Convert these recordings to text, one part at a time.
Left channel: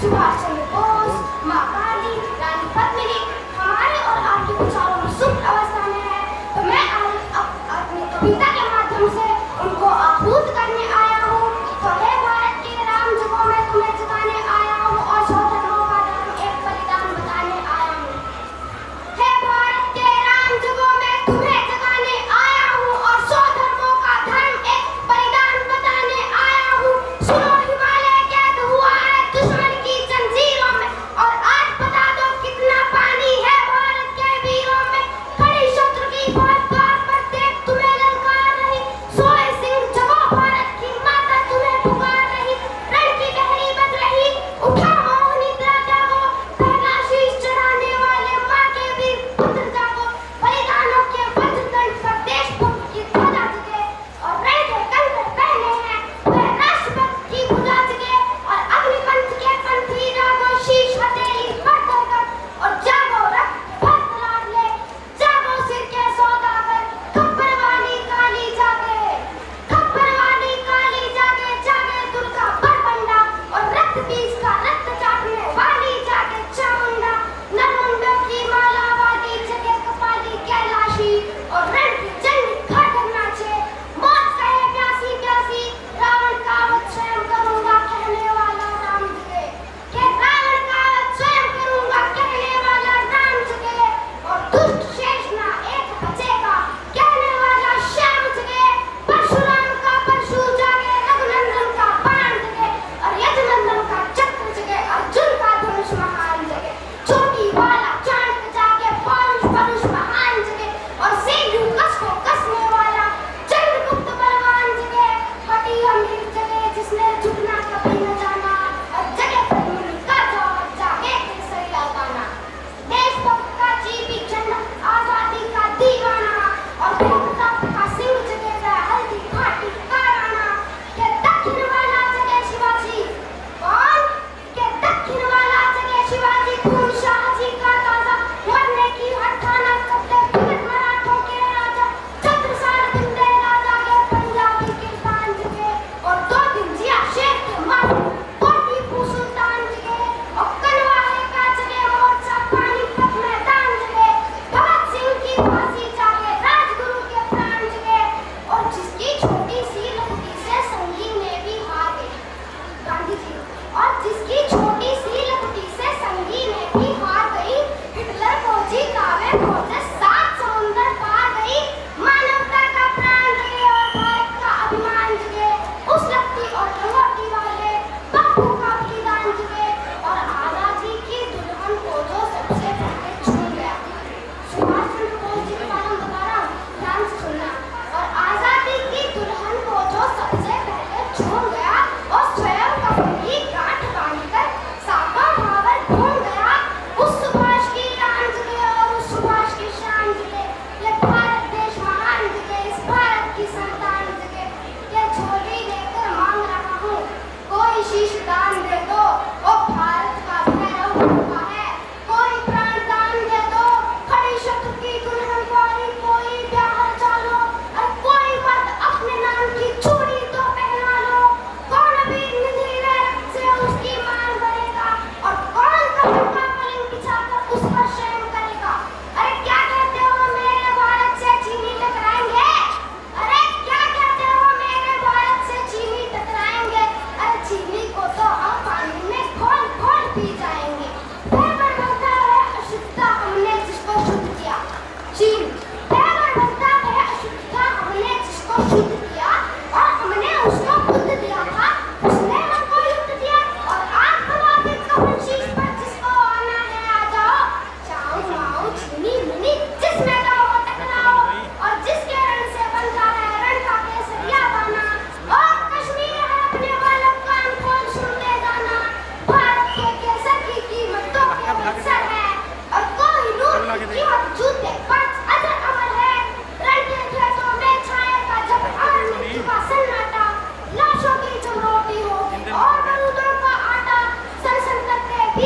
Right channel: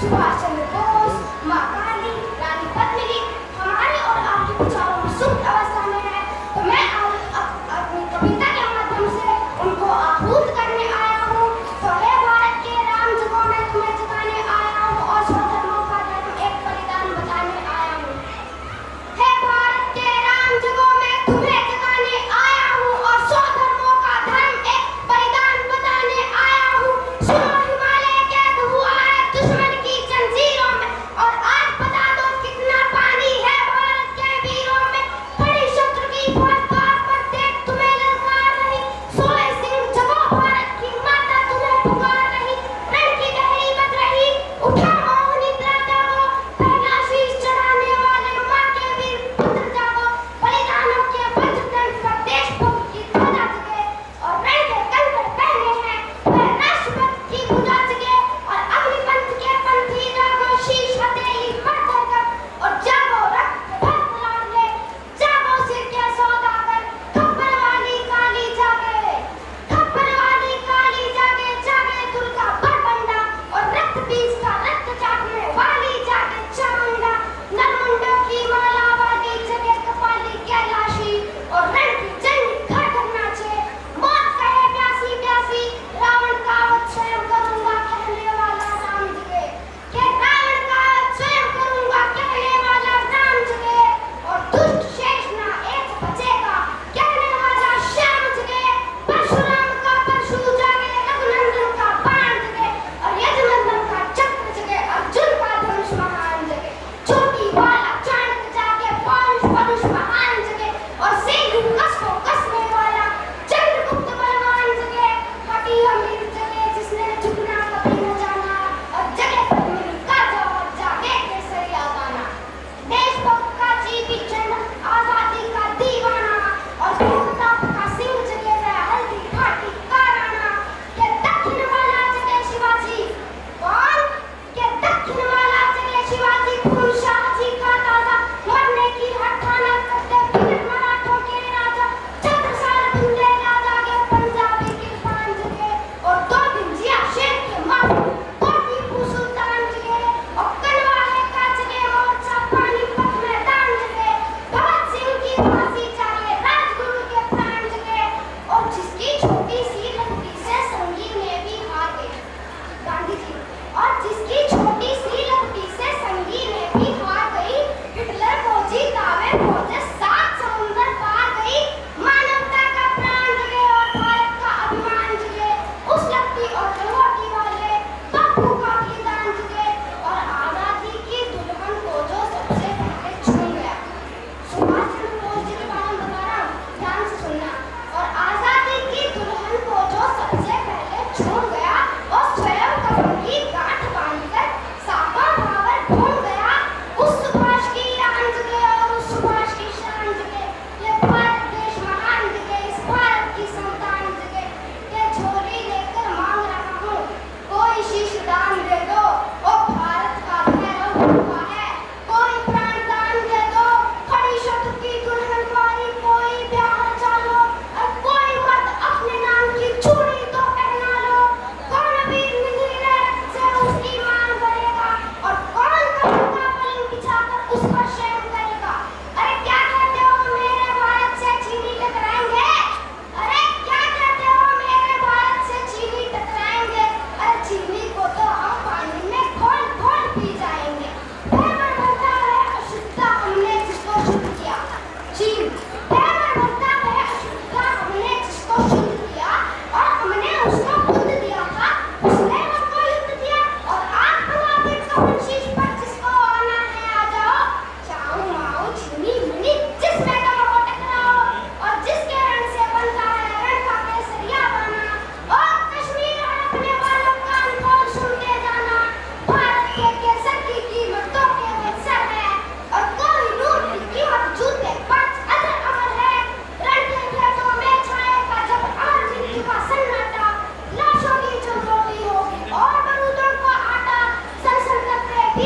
सुभाष चंद्र बोस, माँ गांधी, रानी पद्मिनी हमारे और आपके विचारों में सुप्त अवस्था में है। तो मैं अपनी कविता के माध्यम से उनको आपूर्त करने आया हूँ। तो हे भारत के राम जुगों में तुम्हें जगाने आया हूँ और सौ धर्मों का धर्म एक बलिदान बताने आया हूँ। हे भारत के राम जुगों में तुम्हें जगाने आया हूँ और सौ धर्मों का धर्म एक बलिदान बताने आया हूँ। सुनो हिमालय कैद हुआ है दुश्मन की जंजीरों में और आज बता दो कितना पानी है भारत के वीरों में। खड़ी शत्रु की फौज द्वार पर देख तुम्हें ललकार रही, सोए सिंह जगो भारत की माता तुम्हें पुकार रही। रण की गहरी बग रही, उठा मोह निद्रा जागो, पहला शीश चढ़ाने वाले माँ के वीर पुत्र जागो। बलिदानों के वज्रदंड पर देशभक्त की ध्वजा जगे और रण के कंकर पहने हैं वह राष्ट्रभक्त की भुजा जगे। और अग्निपंथ के पंथी जागो, शीश हथेली पर धोकर और जागो रक्त भक्त लाल ले, जागो सिर के सौदागर। खप्पर वाली काली जागे, खप्पर वाली काली जागे, जागे दुर्गा बड़बंडा और रक्त बीज का रक्त चाटने वाली जागे चामुंडा। नरमुंडों की माला वाली जगे कपाली कैलाशी और रण की जंग घर घर नाचे। मौत कहे प्यासी प्यासी, रावण का वध स्वयं करूंगा कहने वाला राम जगे। हे रावण का वध स्वयं करूंगा कहने वाला राम जगे और दुष्ट शेष ना एक बचेगा कहने वाला श्याम जगे। परशुराम का परशु जागे, रघुनंदन का बाण जगे और यजुनंदन का चक्र जगे, अर्जुन का धनुष महान जगे। चोटी वाला चाणक्य जागे, पौरुष परुष महान जगे और सिंधु कस को कसने वाला चंद्रगुप्त बलवान जगे। पटी अमीर जगे जिसने झुकना कभी न जाना और जगे धर्म का जवाब जागे केसरिया गाना। देशभक्त का जीवी जन आजादी का दीवाना और प्रताप का सिंह जगे जय हल्दी घाटी का राणा। के दक्षिण वाला जगे शिवाजी, कौन के दक्षिण वाला जगे शिवाजी, खून शाहजी का ताजा मरने की हठाना करते फिर मराठों के राजा। छत्रसाल दिन में राजा के पंजाबी किरपान जगे और दो दिन जिया शेर के माथे दो टीपू सुल्तान जगे और कलवाहे का जगे मोर्चा पानीपत मैदान जगे। भगत सिंह की फांसी जागे, राजगुरु के प्राण जगे और जिसकी छोटी सी लड़की से संगीने भी हारे गांधी जी और जिसकी छोटी सी लड़की से संगीने भी हार गई। हिटलर को जीतावे खोजे सात समुंदर पार गई। मानवता का प्राण जगे और भारत का अभिमान जगे। उस लड़की और लंगोटी वाले बापू का बलिदान जगे और आजादी की दुल्हन को जो सबसे पहले छू गया। सुभाष चंद्र बोस जी का नाम बता रहा हूं, ध्यान से सुनना। और आजादी की दुल्हन को जो सबसे पहले छू गया और स्वयं कमर की गांठ बांधकर साका भावर घूम गया। उस सुभाष की आन जगे और उस सुभाष की शान जगे। ये भारत देश महान जगे, इस भारत की संतान जगे। ये झोली लेकर मांग रहा हूँ कोई शीश दान दे दो, ओ भारत का भैरव भूखा है कोई प्राण दान दे दो। खड़ी शत्रु की दुल्हन वाली कोई ब्याह चालो और कोई मर्द अपने नाम की चूड़ी तो पहना लो। कौन वीर निधीरे रक्त से उसकी मांग करेगा और कौन कपूर का पलंग बिछाकर उस पर शयन करेगा। अरे क्या कहते हो मेरे भारत से चीनी टकराएंगे? अरे क्या कहते हो मेरे भारत से चीनी टकराएंगे? अरे चीनी को तो हम पानी में घोल घोल पी जाएंगे। पैर ढलता है अशुद्धता हमने जिसको शुद्ध किया। चीन पैर ढलता है अशुद्धता हमने जिसको शुद्ध किया और हमने उसको बुद्ध दिया था, उसने हमको युद्ध किया। और आज भला फिर कौन शीश पर जिसको आना है आ जाओ। चाऊ माऊ चीनी मुनी जिसमें कहो टकराओ और जिसके रण से बनता है रण का केसरिया गाना। और कश्मीर हड़पने वालों कान खोल सुनते जाना, भारत के केसर की कीमत दो के बक्सर है और कोहिनूर की कीमत जूते पांच अदर अमर है। रण के खेतों में छाएगा जब अमर मृत्यु का सन्नाटा, लाशों की चमोटी होगी और बारूदों का आटा। सन सन करते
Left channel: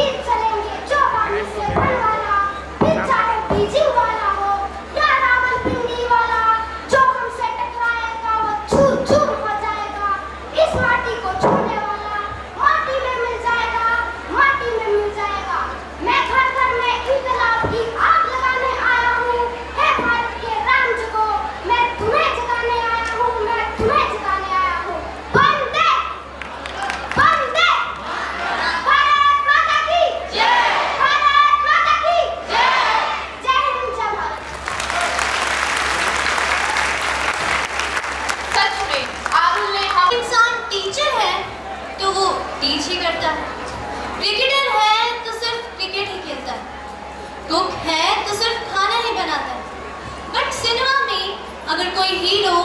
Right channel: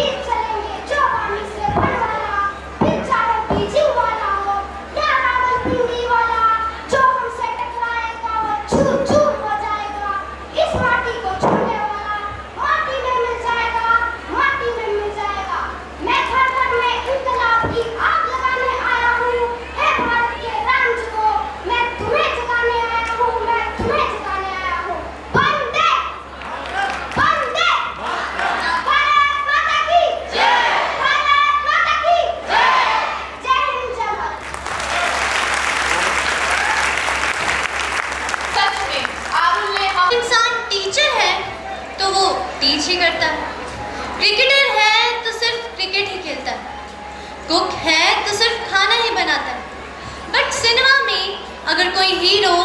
अगर कोई हीरो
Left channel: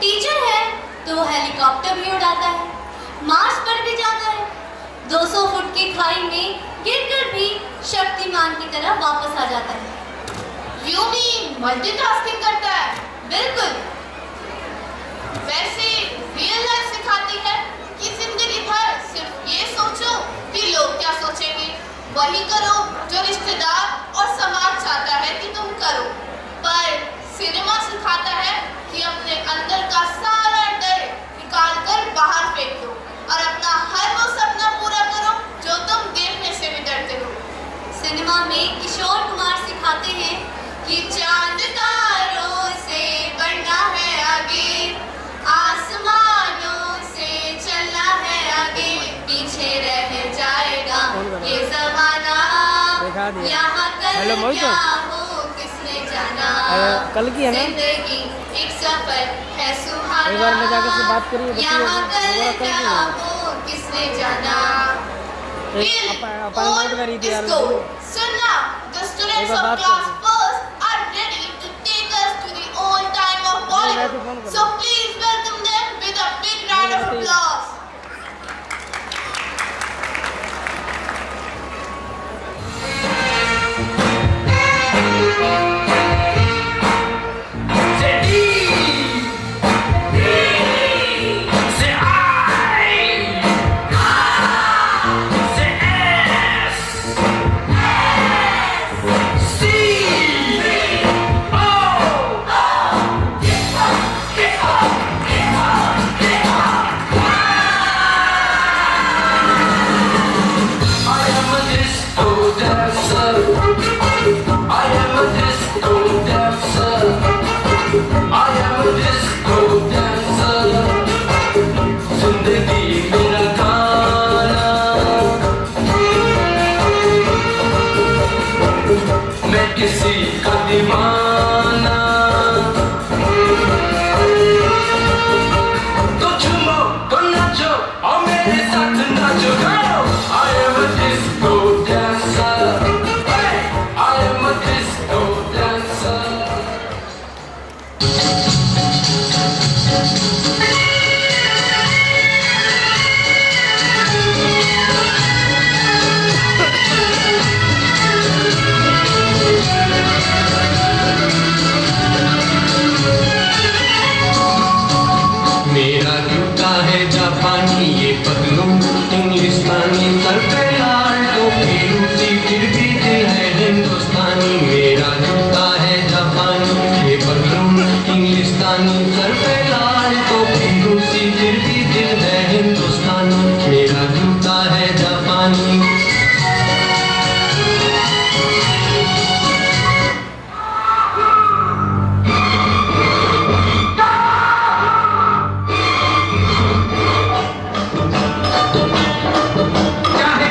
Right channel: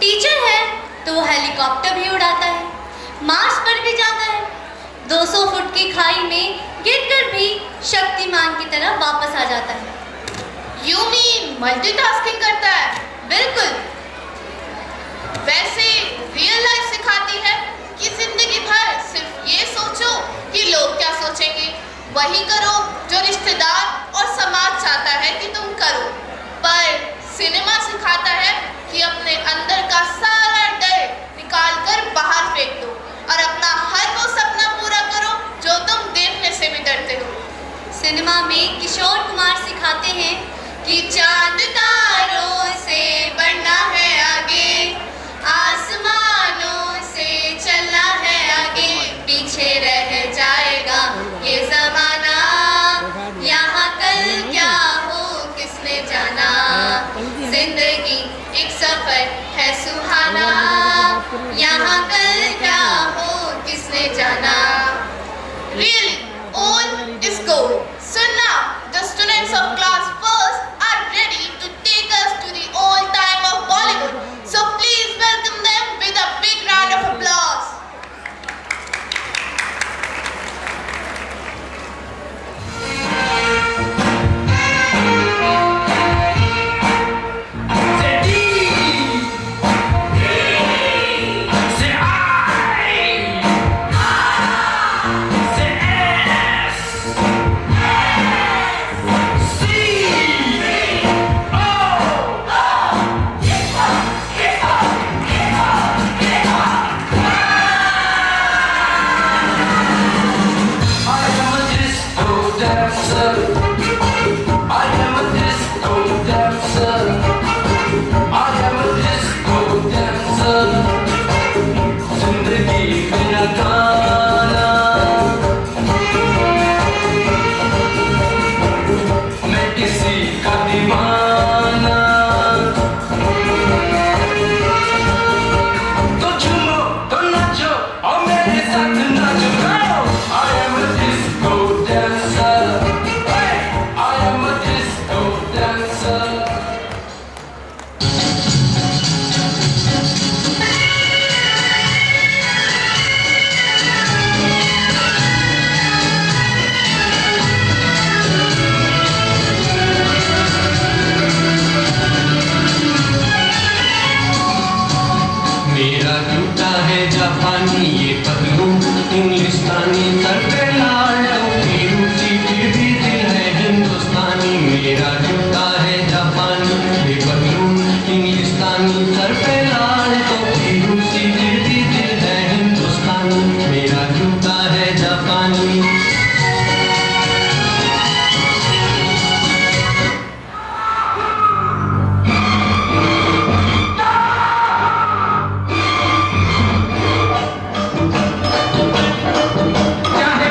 टीचर है तो वो हेलीकॉप्टर भी उड़ाता है, मार्स पर भी जाता है, 200 फुट की खाई में गिरकर भी शक्तिमान की तरह वापस आ जाता है। यू मीन मल्टीटास्किंग करता है? बिल्कुल। वैसे रियल लाइफ सिखाती है कि जिंदगी भर सिर्फ ये सोचो कि लोग क्या सोचेंगे, वही करो जो रिश्तेदार और समाज चाहता है कि तुम करो। पर सिनेमा सिखाता है कि अपने अंदर का सारा डर निकाल कर बाहर फेंक दो और अपना हर वो सपना पूरा करो जो तुम देखने से भी डरते हो। सिनेमा में किशोर कुमार सिखाते हैं कि चांद तारों से बढ़ना है आगे, आसमानों से चलना है आगे, पीछे रह जाएगा ये ज़माना, यहाँ कल क्या हो किसने जाना, जिंदगी एक सफर है सुहाना, यहाँ कल क्या हो किसने जाना। Really, old is gold. So now, the students of class first are ready to take us to the old time of Bollywood. So please welcome them with a big round of applause. चाहे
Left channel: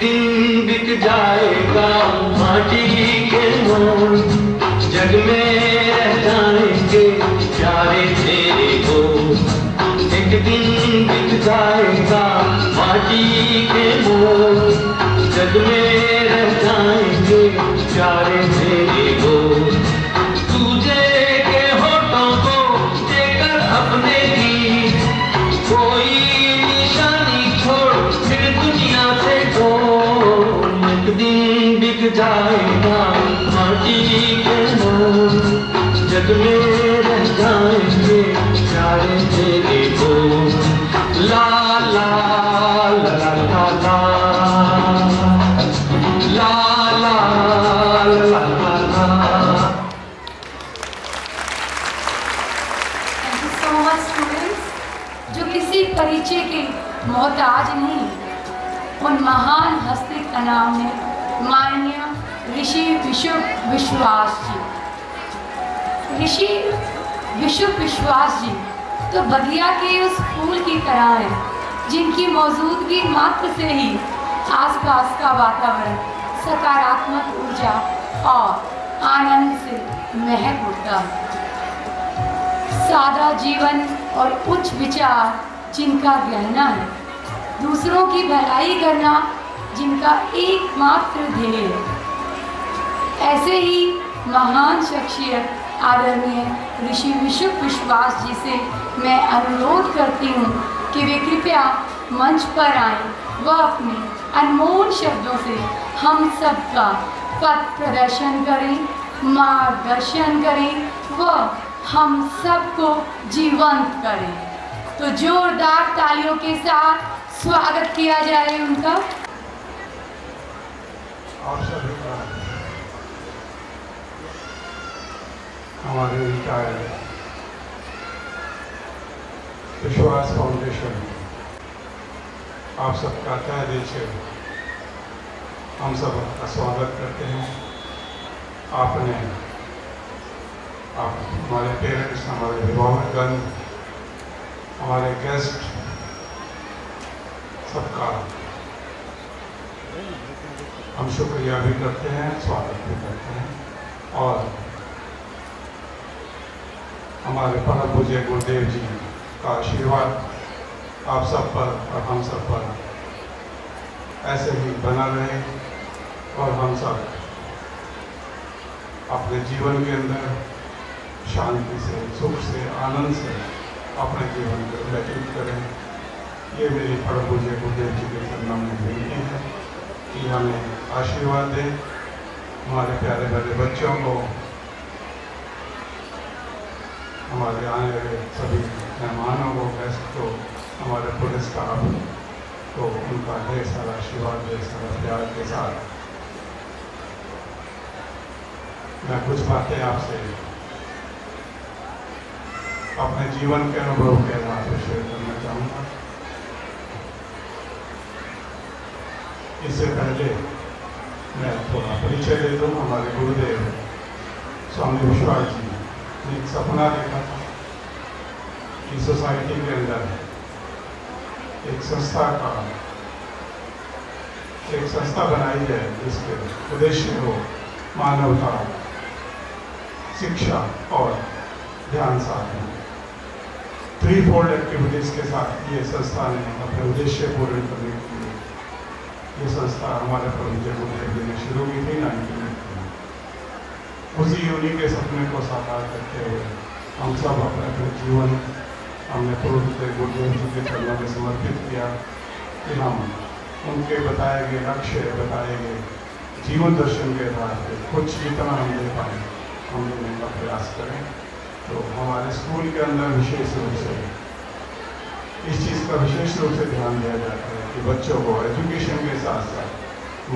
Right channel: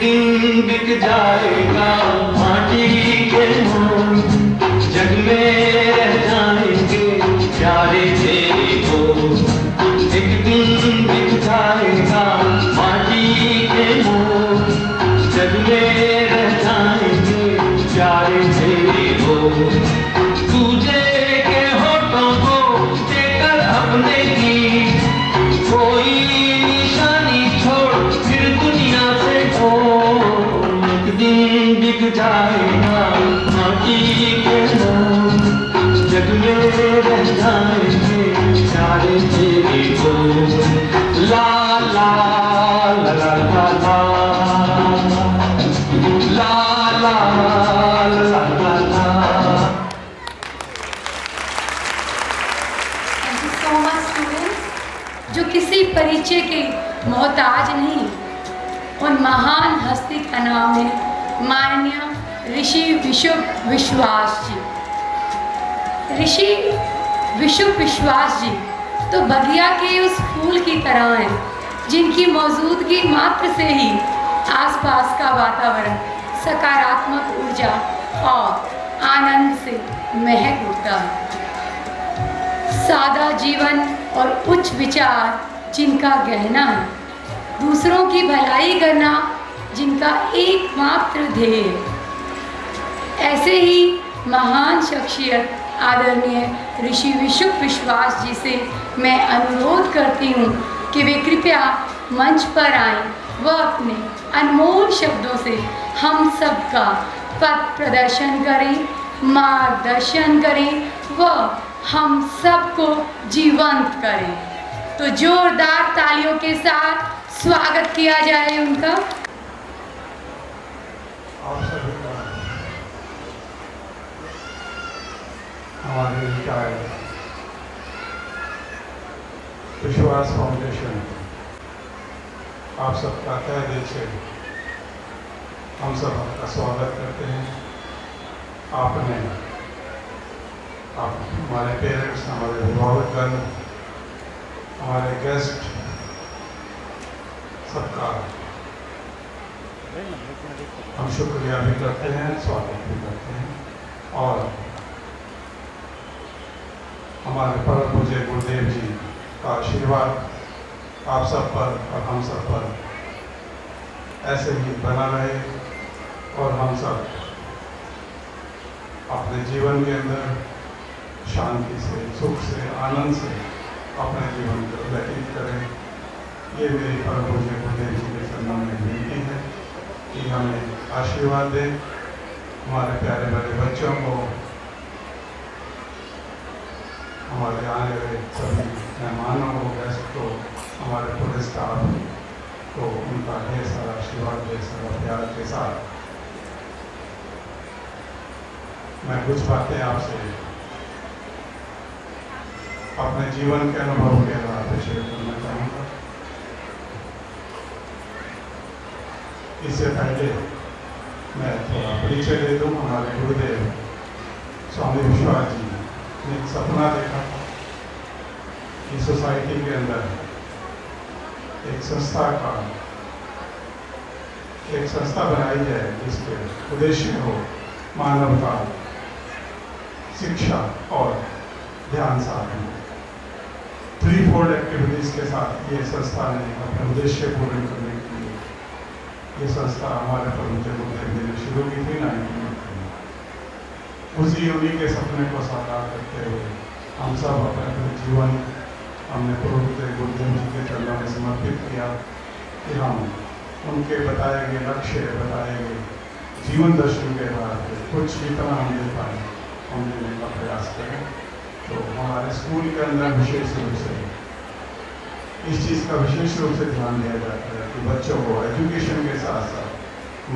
दिन बिक जाएगा माटी के मोल, जग में रह जाएंगे प्यारे तेरे को। एक दिन बिक जाएगा माटी के मोल, जग में रह जाएंगे प्यारे तेरे को। तुझे के होठों को देकर अपने की कोई निशानी छोड़ फिर दुनिया से खो। एक दिन बिक जाएगा माटी के मोल, जग में रह जाएंगे प्यारे तेरे को। ला ला ला ला ला ला ला ला ला ला ला। Thank you so much, students, जो किसी परिचय के मोहताज नहीं, उन महान हस्ती का नाम है माननीय ऋषि विशुभ विश्वास जी। ऋषि विशुभ विश्वास जी तो बगिया के उस फूल की तरह हैं जिनकी मौजूदगी मात्र से ही आसपास का वातावरण सकारात्मक ऊर्जा और आनंद से महक उठता है। सादा जीवन और उच्च विचार जिनका गहना है, दूसरों की भलाई करना जिनका एकमात्र ध्येय है। ऐसे ही महान शख्सियत आदरणीय ऋषि विशुभ विश्वास जी से मैं अनुरोध करती हूँ कि वे कृपया मंच पर आएं व अपने अनमोल शब्दों से हम सबका पथ प्रदर्शन करें, मार्गदर्शन करें व हम सबको जीवंत करें। तो जोरदार तालियों के साथ स्वागत किया जाए उनका। आप सभी का हमारे विश्वास फाउंडेशन आप सबका तहे दिल से हम सब का स्वागत करते हैं। आपने आप हमारे पेरेंट्स, हमारे अभिभावकगण, हमारे गेस्ट सबका हम शुक्रिया भी करते हैं, स्वागत भी करते हैं। और हमारे परम पूज्य गुरुदेव जी का आशीर्वाद आप सब पर और हम सब पर ऐसे ही बना रहे और हम सब अपने जीवन के अंदर शांति से, सुख से, आनंद से अपने जीवन को व्यतीत करें। ये मेरी परम पूज्य गुरुदेव जी के सम्मान में विनती है कि हमें आशीर्वाद दें। हमारे प्यारे प्यारे बच्चों को, हमारे आने वाले सभी मेहमानों को, गेस्ट को, हमारे पूरे स्टाफ को उनका ढेर सारा आशीर्वाद, ढेर सारा प्यार के साथ मैं कुछ बातें आपसे अपने जीवन के अनुभव के आधार पर शेयर करना चाहूँगा। इससे पहले मैं थोड़ा परिचय दे दूँ। हमारे गुरुदेव स्वामी विश्वास जी ने एक सपना देखा था कि सोसाइटी के अंदर एक संस्था बनाई जाए जिसके उद्देश्य हो मानवता, शिक्षा और ध्यान साधन। 3-4 एक्टिविटीज़ के साथ ये संस्था ने अपने उद्देश्य पूर्ण करने के लिए ये संस्था हमारे परम गुरुदेव जी ने शुरू की थी 1990 में। उसी उन्हीं के सपने को साकार करते हुए हम सब अपने जीवन हमने पूर्ण गुरुदेव जी के चरणों में समर्पित किया कि हम उनके बताए गए लक्ष्य, बताए गए जीवन दर्शन के आधार पर कुछ जितना हम दे पाए हम देने का प्रयास करें। तो हमारे स्कूल के अंदर विशेष रूप से इस चीज़ का विशेष रूप से ध्यान दिया जाता है कि बच्चों को एजुकेशन के साथ साथ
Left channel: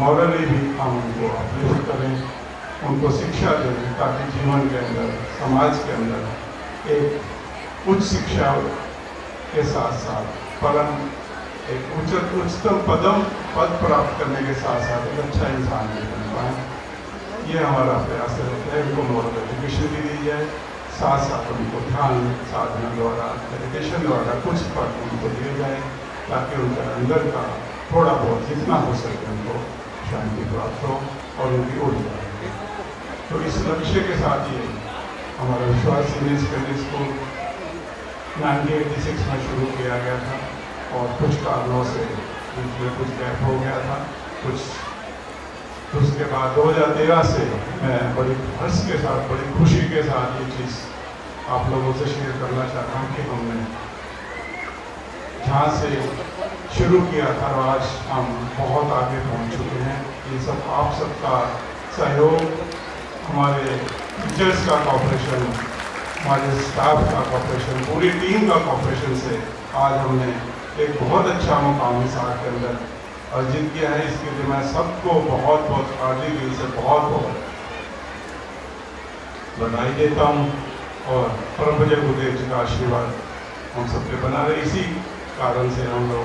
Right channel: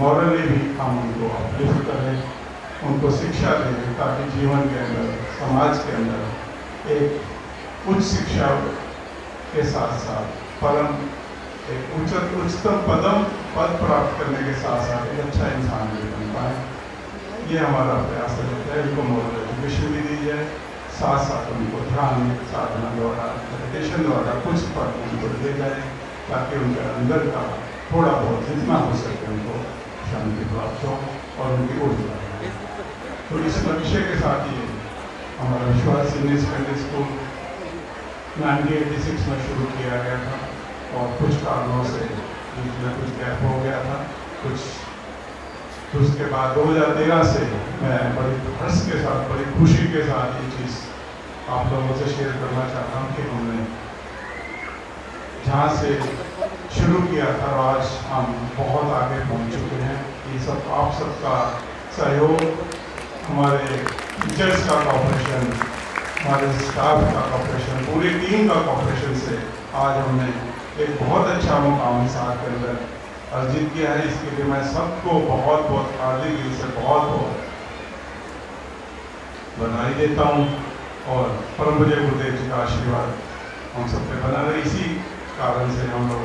मॉरली भी हम उनको अपलिफ्ट करें, उनको शिक्षा दें ताकि जीवन के अंदर, समाज के अंदर एक उच्च शिक्षा के साथ साथ परम एक उच्चतम पद प्राप्त करने के साथ साथ एक अच्छा इंसान भी बन पाए। ये हमारा प्रयास रहता है। उनको मॉरल एजुकेशन भी दी जाए, साथ साथ उनको ध्यान साधना द्वारा, मेडिटेशन द्वारा कुछ पद उनको दिए जाए ताकि उनके अंदर का थोड़ा बहुत जितना हो सके उनको शांति प्राप्त हो और उनकी ऊर्जा। तो इस लक्ष्य के साथ ही हमारा विश्वास सीनियर सेकेंडरी स्कूल 1986 में शुरू किया गया था और कुछ कारणों से इसमें कुछ गैप हो गया था कुछ। उसके बाद 2013 से मैं बड़ी हर्ष के साथ, बड़ी खुशी के साथ ये चीज़ आप लोगों से शेयर करना चाहता हूँ कि हमने जहाँ से शुरू किया था आज हम बहुत आगे पहुँच चुके हैं। ये सब आप सबका सहयोग, हमारे टीचर्स का कॉपरेशन, हमारे स्टाफ का कॉपरेशन, पूरी टीम का कॉपरेशन से आज हमने एक बहुत अच्छा मुकाम साथ के अंदर अर्जित किया है। इसके लिए मैं सबको बहुत बहुत हार्दिक दिल से बहुत बहुत बधाई देता हूँ और परम पूज्य गुरुदेव जी का आशीर्वाद हम सब पे बना रहे। इसी कारण से हम लोग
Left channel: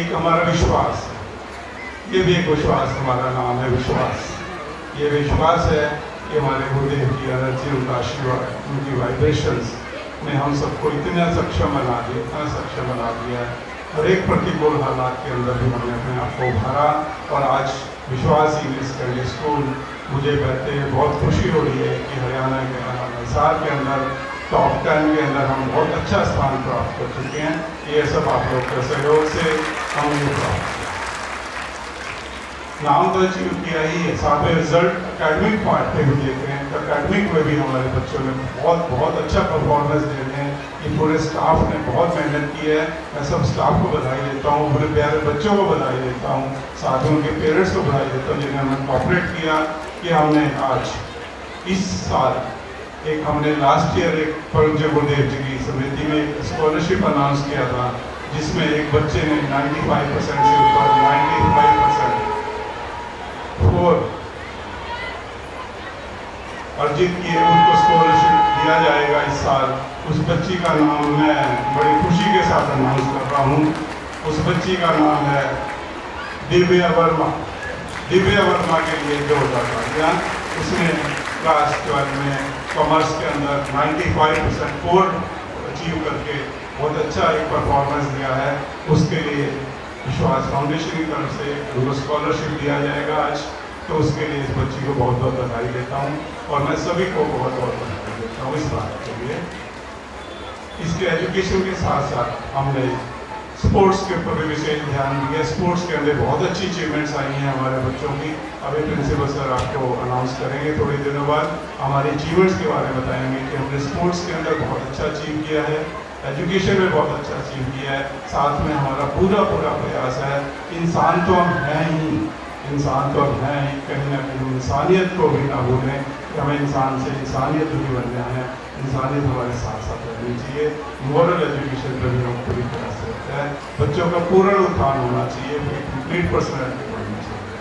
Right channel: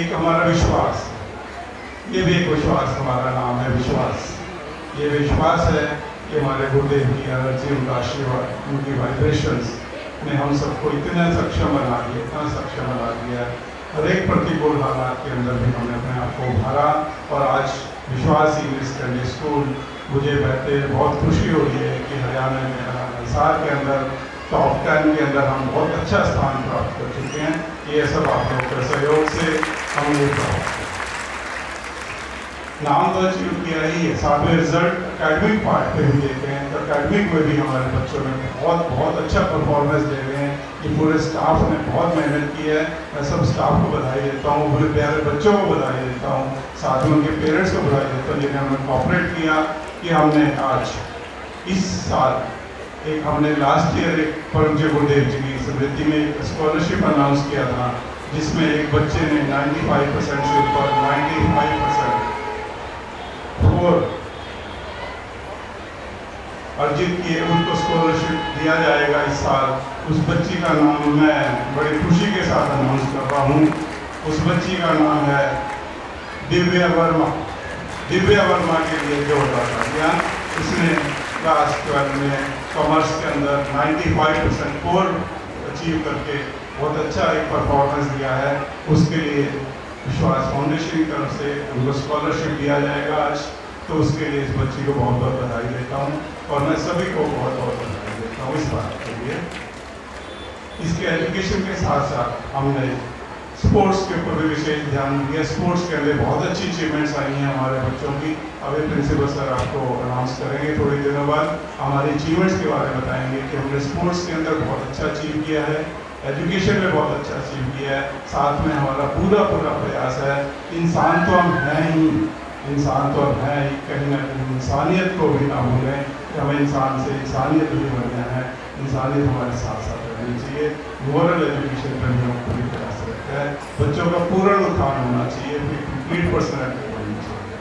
एक हमारा विश्वास, ये भी एक विश्वास, हमारा नाम है विश्वास। ये विश्वास है कि हमारे गुरुदेव की एनर्जी, उनका आशीर्वाद, उनकी वाइब्रेशंस ने हम सबको इतना सक्षम बना दिया, इतना सक्षम बना दिया है। हर एक प्रतिकूल हालात के अंदर भी हमने अपने आप को उभारा और आज विश्वास इंग्लिश सेकेंडरी स्कूल मुझे कहते हैं बहुत खुशी हो रही है कि हरियाणा के हिसार के अंदर टॉप 10 के अंदर हम बहुत अच्छा स्थान प्राप्त कर चुके हैं। ये सब आप लोग के सहयोग से हम ये प्राप्त नाम तो अचीव किया ही है, साथ में रिजल्ट अकेडमिक पार्ट पे भी देखे हैं। अकेडमिक में भी हमारे बच्चों ने बहुत बहुत अच्छा परफॉर्मेंस दे रहे हैं। ये पूरे स्टाफ ने बहुत मेहनत की है। मैं सब स्टाफ को बधाई देता हूँ, पूरे प्यारे बच्चों को बधाई देता हूँ, साथ में उनके पेरेंट्स को बधाई देता हूँ जिन्हें हमने कॉपरेट किया कि हमने आज इस साल एक हमने लास्ट ईयर एक परम पूज्य गुरुदेव जी की स्मृति में एक स्कॉलरशिप अनाउंस किया था जिसमें एक बच्चे ने 95% से ऊपर 95% अर्जित किए, उनको स्कॉलरशिप दिया जाएगा इस साल। उस बच्ची का नाम मैं बड़ी खुशी के साथ अनाउंस कर रहा हूँ। उस बच्ची का नाम है दिव्या वर्मा। दिव्या वर्मा के लिए जोरदार तालियां। उसने क्लास 12 में कॉमर्स के अंदर 95% स्कोर अचीव करके बहुत अच्छा एक परफॉर्मेंस दिया है। उसके लिए विश्वास फाउंडेशन की तरफ से उनको स्कॉलरशिप दिया जाएगा आज। तो उसके लिए इस बच्ची को बहुत बहुत बधाई देता हूँ और मैं सभी को बहुत बहुत बधाई देता हूँ इस बात के लिए। इसके एजुकेशन के साथ साथ हमने स्पोर्ट्स के ऊपर भी विशेष ध्यान दिया। स्पोर्ट्स के अंदर बहुत अच्छी अचीवमेंट्स आई हैं हमारे बच्चों की। अभी प्रिंसिपल सर आपको अनाउंस करेंगे थोड़ी दिनों बाद, हमारे अचीवमेंट्स के बारे में बताएंगे कि हमने स्पोर्ट्स के अंदर बहुत अच्छा अचीव किया है, एजुकेशन में बहुत अच्छा अचीव किया है। साथ में हमारा पूरा प्रयास है, इंसान तो हम हैं ही, इंसान तो हम हैं ही, कहीं ना कहीं इंसानियत को भी ना भूलें कि हमें इंसान से इंसानियत भी बनना है। इंसानियत हमारे साथ साथ रहनी चाहिए। मॉरल एजुकेशन पर भी हम पूरी तरह से रखते हैं। बच्चों का पूर्ण उत्थान होना चाहिए, कंप्लीट पर्सनैलिटी बननी चाहिए।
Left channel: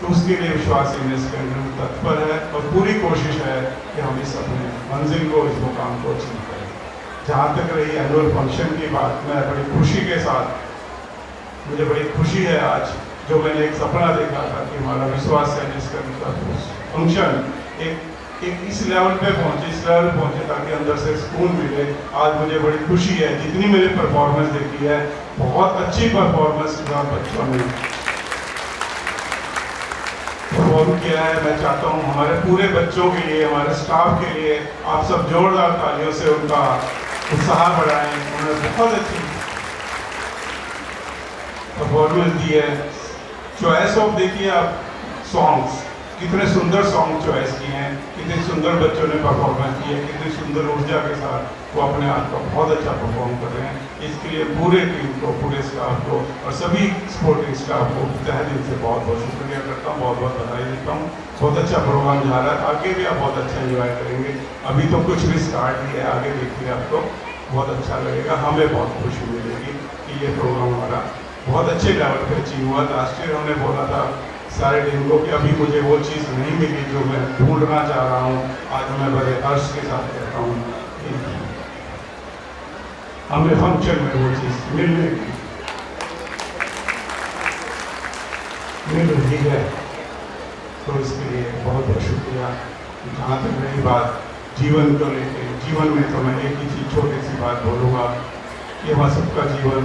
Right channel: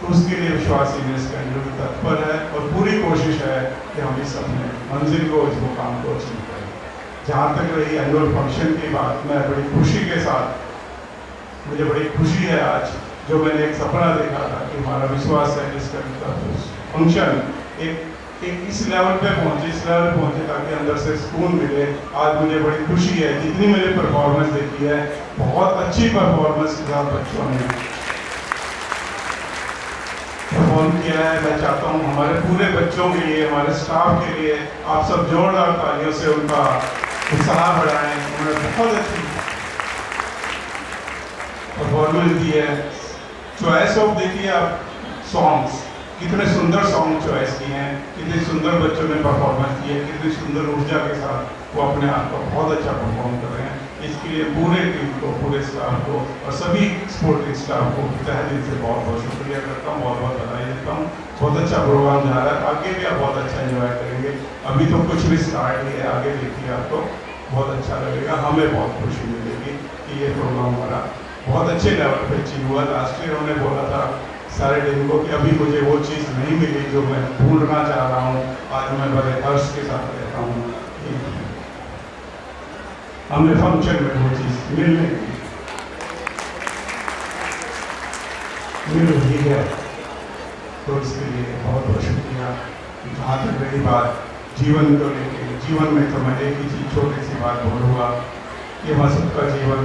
तो उसके लिए विश्वास इंग्लिश सेकेंडरी तत्पर है और पूरी कोशिश है कि हम इस अपने मंजिल को, इस मुकाम को अचीव करें। जहाँ तक रही एनुअल फंक्शन की बात, मैं बड़ी खुशी के साथ, मुझे बड़ी खुशी है आज जो मैंने एक सपना देखा था कि हमारा विश्वास है जिसका फंक्शन एक इस लेवल पे पहुंचे, इस लेवल पहुंचे ताकि अंदर से सुकून मिले। आज मुझे बड़ी खुशी है, जितनी मैंने परफॉर्मेंस देखी है, बहुत अच्छी परफॉर्मेंस के साथ बच्चों ने परफॉर्म किया है। मैं चाहता हूँ हमारे पूरे बच्चों के लिए, हमारे स्टाफ के लिए आप सब जोरदार तालियों से उनका उत्साह बढ़ाएं। उन्होंने बहुत अच्छी परफॉर्मेंस दी है। चॉइस ऑफ देखिए आप सॉन्ग्स, कितने सुंदर सॉन्ग चॉइस किए हैं, कितने सुंदर बच्चों ने परफॉर्मेंस की है, कितनी सुंदर ऊर्जा के साथ वो अपने आप को बहुत अच्छा परफॉर्म कर रहे हैं। इसके लिए पूरे टीम को, पूरे स्टाफ को और सभी सपोर्टिंग स्टाफ को तहे दिल से बहुत बहुत शुक्रिया करता हूँ, बहुत बहुत बधाई देता हूँ। बहुत अच्छा प्रोग्राम जा रहा है, आगे भी आप बहुत अच्छा एंजॉय करेंगे। अभी तो कुछ भी स्टार्ट नहीं है, आगे देखिए आपको बहुत अच्छा लगेगा। हमें बहुत खुशी मिलेगी कि ये प्रोग्राम हमारा बहुत अच्छे लेवल पर अचीव हुआ। लास्ट ईयर उन्होंने बोला था सारे दिन को कि अभी मुझे वो चीज़ नहीं मिली जो मैं ढूंढना चाह रहा हूँ। आज मैं बड़े हर्ष के साथ कहता हूँ हमें फंक्शन में वो चीज़ मिल रही है। तो इसके लिए बहुत बहुत शुक्रिया। जहाँ तक मेरी बात जीवन को लेकर, जीवन में तो मैं एक ही चीज़ छोटी सी बात बोलूँगा कि हम सबका जीवन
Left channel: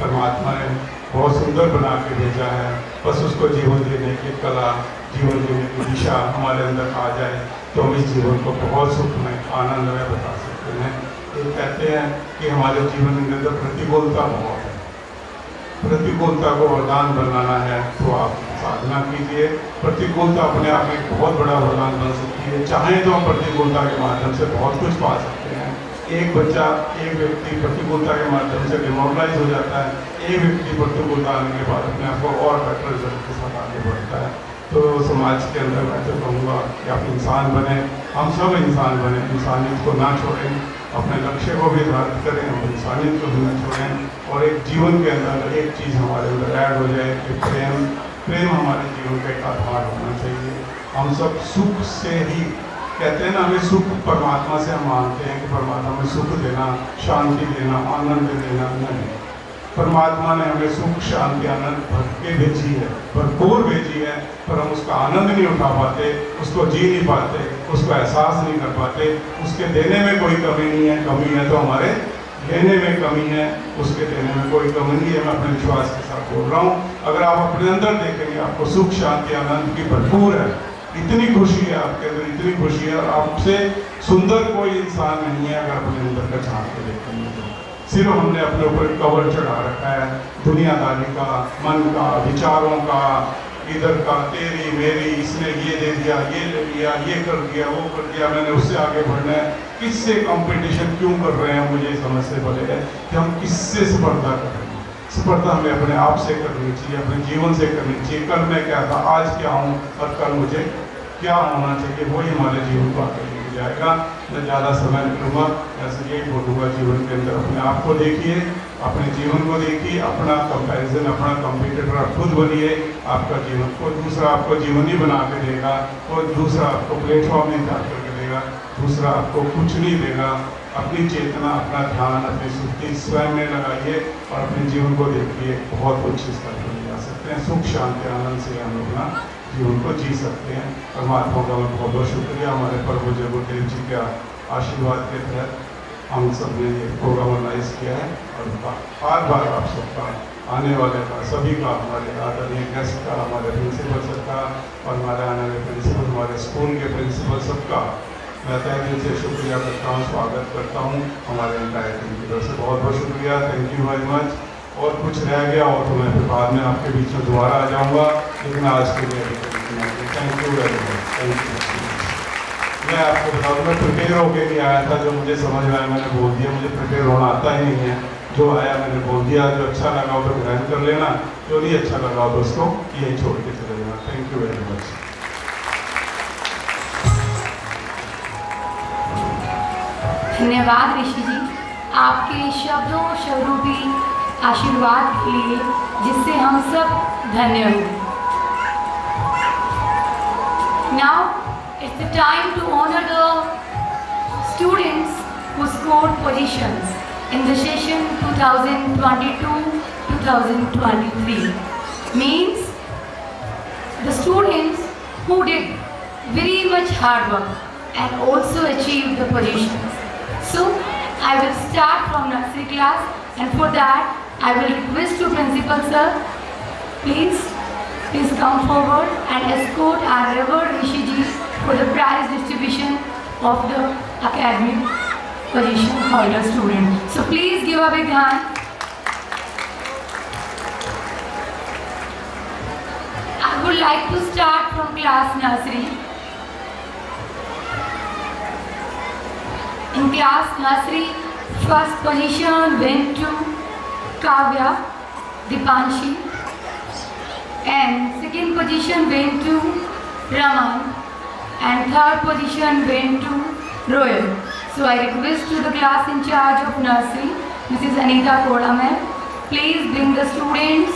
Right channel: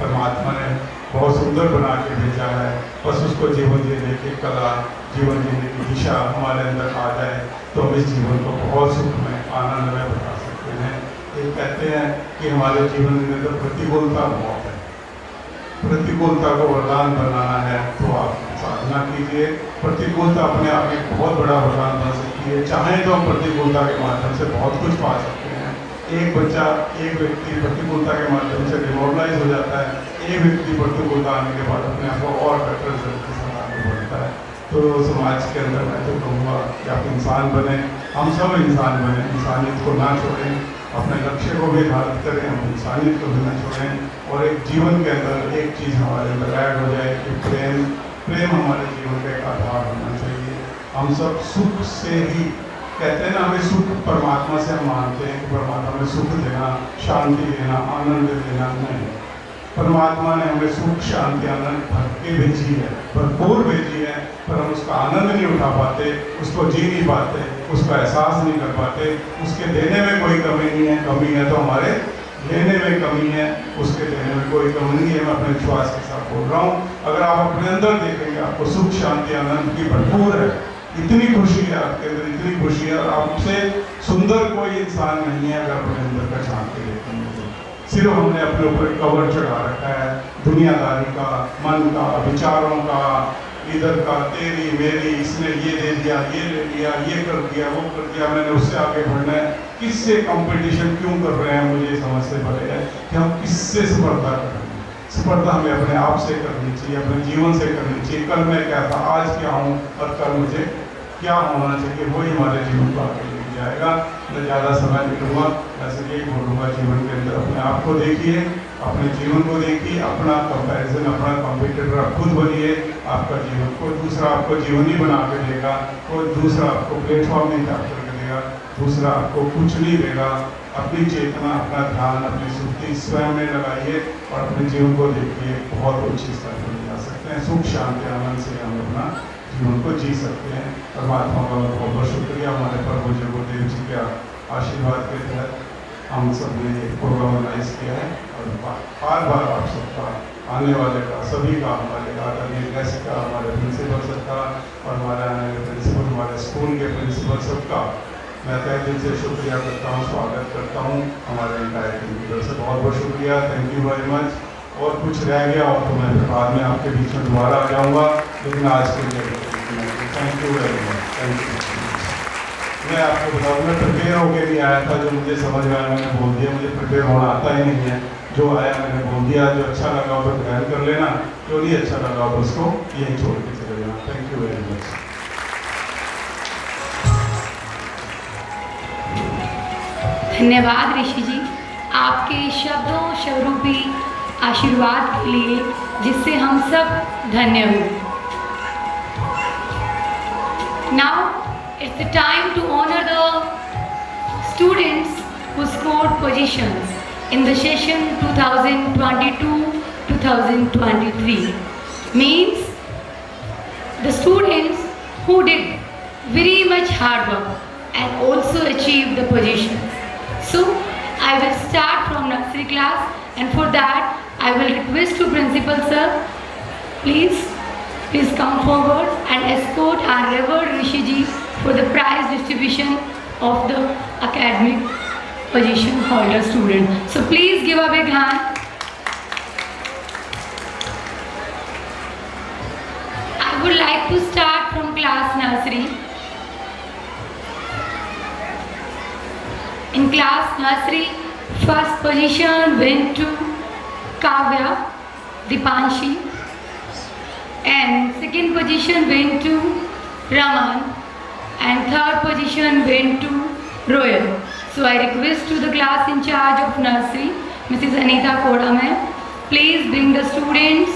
परमात्मा ने बहुत सुंदर बना के भेजा है, बस उसको जीवन देने की कला, जीवन देने की दिशा हमारे अंदर आ जाए तो हम इस जीवन को बहुत सुख में, आनंद में बता सकते हैं। ये कहते हैं कि हमारे जीवन में तो प्रतिकूलता बहुत है, प्रतिकूलता को वरदान बनाना है तो आप साधना कीजिए। प्रतिकूलता अपने आप में बहुत बड़ा वरदान बन सकती है। चाहे तो हम प्रतिकूलता के माध्यम से बहुत कुछ पा सकते हैं। एक बच्चा, एक व्यक्ति प्रतिकूलता के माध्यम से डिमोरलाइज हो जाता है, एक व्यक्ति प्रतिकूलता आने के बाद अपने आप को और बेटर रिजल्ट के साथ आगे बढ़ता है। तो समाज के अंदर मैं तो कहूँगा कि आप इंसान बने, हम सब इंसान बने, इंसानियत को ना छोड़ें, अपने लक्ष्य को भी बात करें, हम इंसानियत को भी ना छोड़ें। और एक जीवन के अंदर एक चीज़ हमारे अंदर ऐड हो जाए कि प्रेम, प्रेम हमारे जीवन का एक आधार होना चाहिए। हम सब सुख से ही कहते हैं ना, हमें सुख परमात्मा से हम मानते हैं कि परमात्मा में सुख देना, शांति देना, आनंद देना, नहीं। परमात्मा ने हमें सुख, शांति, आनंद भर के भेजी है, भरपूर भेजी है, पर हम उसका आनंद नहीं उठा पाते, उसको जी नहीं पाते, उसका एहसास नहीं कर पाते। उसके देने में कोई कमी नहीं है, कमी है तो हमारे लेने में कमी है, उसके देने में कोई कमी नहीं है। मैं अपने विश्वास के साथ बोल रहा हूँ। अगर आप अपने अंदर देखेंगे आपको सुख, शांति, आनंद की भरपूर है, इतनी खुशी है आपके अंदर, इतनी खुशी है। और आपसे सुंदर कोई इंसान नहीं है अगर अपने अंदर का झांक के देखेंगे तो। सिर्फ हमने अपने ऊपर कवर चढ़ा रखा है दुनियादारी का, मन का, विचारों का, इधर का, तेरी मेरी, इसने ये दे दिया, ये ले लिया, ये कर दिया, वो कर दिया, मैंने उससे आगे बढ़ना है। किससे कंपटीशन क्यों कर रहे हैं, मुझे समझ से पड़े है कि हम किससे स्पर्धा कर रहे हैं। स्पर्धा हमें अपने आप से करनी चाहिए, अपने जीवन से करनी चाहिए। कल मैं क्या था, आज क्या हूँ और कल मुझे क्या होना चाहिए, वही हमारे जीवन को आगे लेके जाएगा। मैं ज़्यादा समय नहीं लूँगा, ऐसे ही बोलूँगा जीवन के अंदर अपने आप को देखिए, अपने जीवन को देखिए, अपना कंपैरिजन, अपना कंपटीटर आप खुद बनिए। आपका जीवन कोई दूसरा आपको जीवन ही बना के देगा, कोई दूसरा आपको प्लेटफॉर्म नहीं कर करके देगा, दूसरा आपको कुछ नहीं देगा। अपनी चेतना, अपना ध्यान, अपनी सुक्ति स्वयं में लगाइए और अपने जीवन को देखिए, बहुत उच्च स्तर पर जा सकते हैं। सुख, शांति, आनंद से हम अपना जीवन को जी सकते हैं। परमात्मा का बहुत बहुत शुक्रिया। हमारे प्रभु जगुदेव जी का आशीर्वाद के तहत हम सब ने प्रोग्राम ऑर्गेनाइज किया है और बार बार आप सबका आने वाले का, सभी का, हमारे आदरणीय गेस्ट का, हमारे प्रिंसिपल सबका और हमारे आने वाले प्रिंसिपल, हमारे स्कूल के प्रिंसिपल सबका मैं तहे दिल से शुक्रिया करता हूँ, स्वागत करता हूँ। हमारे एंटायर टीम की तरफ से बहुत बहुत शुक्रिया, थैंक यू वेरी मच। और कुछ रह गया हो तो मैं फिर बाद में आपके बीच में दोबारा आ जाऊँगा, लेकिन आज के लिए thank you very much, thank you. मैं आपको बताऊँ, मैं प्रिपेयर होकर नहीं आया था, जो मुझे समझ में आया मैंने बोल दिया। मुझे प्रिपेयर होना आता ही नहीं है, जो आया मैंने बोल दिया। जो अच्छा लगा हो तो ग्रहण कर लेना, जो नहीं अच्छा लगा हो तो उसको यही छोड़ के चले जाना। Thank you very much. धन्यवाद ऋषि जी, आपके शब्दों स्वरूपी आशीर्वाद के लिए, जिससे हम सब धन्य हुए। Now it's the time to honour the students who scored positions in the session 2022-2023. Means the students who did very much hard work and also achieved the positions. So I will start from nursery class, and for that I will request to principal sir, please come forward and escort our revered Rishi ji for the prize distribution of the academic position holder student. So please give a big hand. I would like to start from class nursery. In class nursery, first position went to Kavya Dipanshi, and second position went to Raman, and third position went to Royal. So I request to the class in charge of nursery, Mrs. Anita Koda ma'am, please bring the students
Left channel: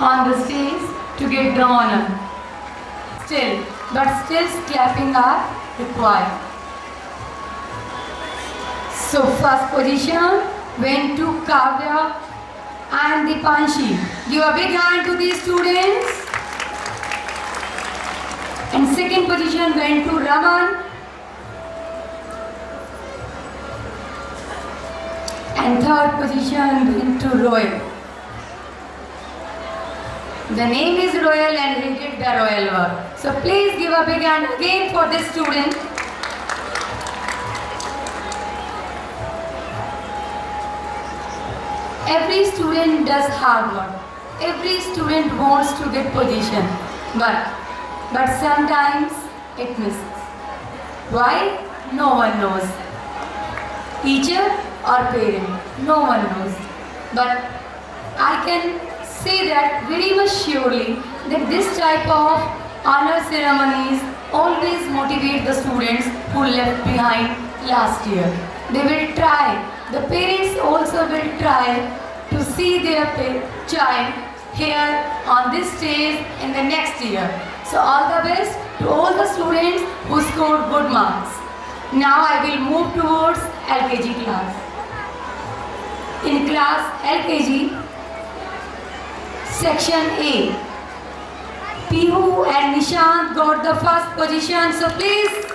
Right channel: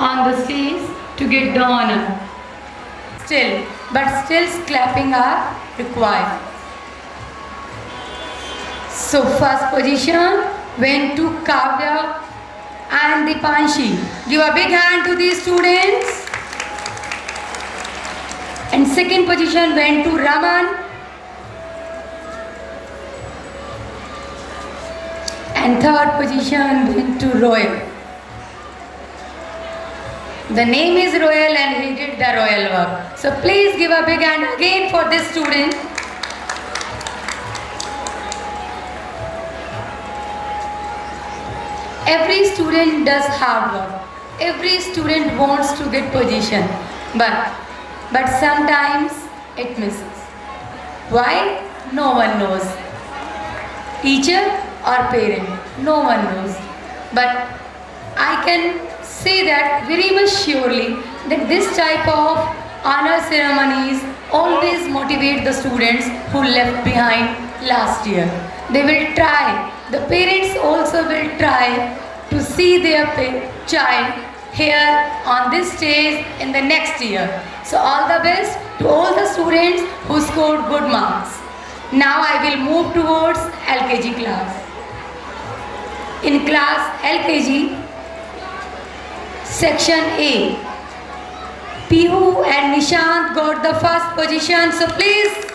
on the stage to get the honor. Still clapping are required. So first position went to Kavya and Dipanshi. Give a big hand to these students. And second position went to Raman. And third position went to Royal. The name is Royal and he did the royal work. So please give a big hand again for this student. Every student does hard work. Every student wants to get position. But sometimes it misses. Why? No one knows. Teacher or parent? No one knows. But I can say that very much surely that this type of honor ceremonies always motivate the students who left behind last year. They will try. The parents also will try to see their child here on this stage in the next year. So all the best to all the students who scored good marks. Now I will move towards LKG class. In class LKG, section A, Pihu and Nishant got the first position. So please.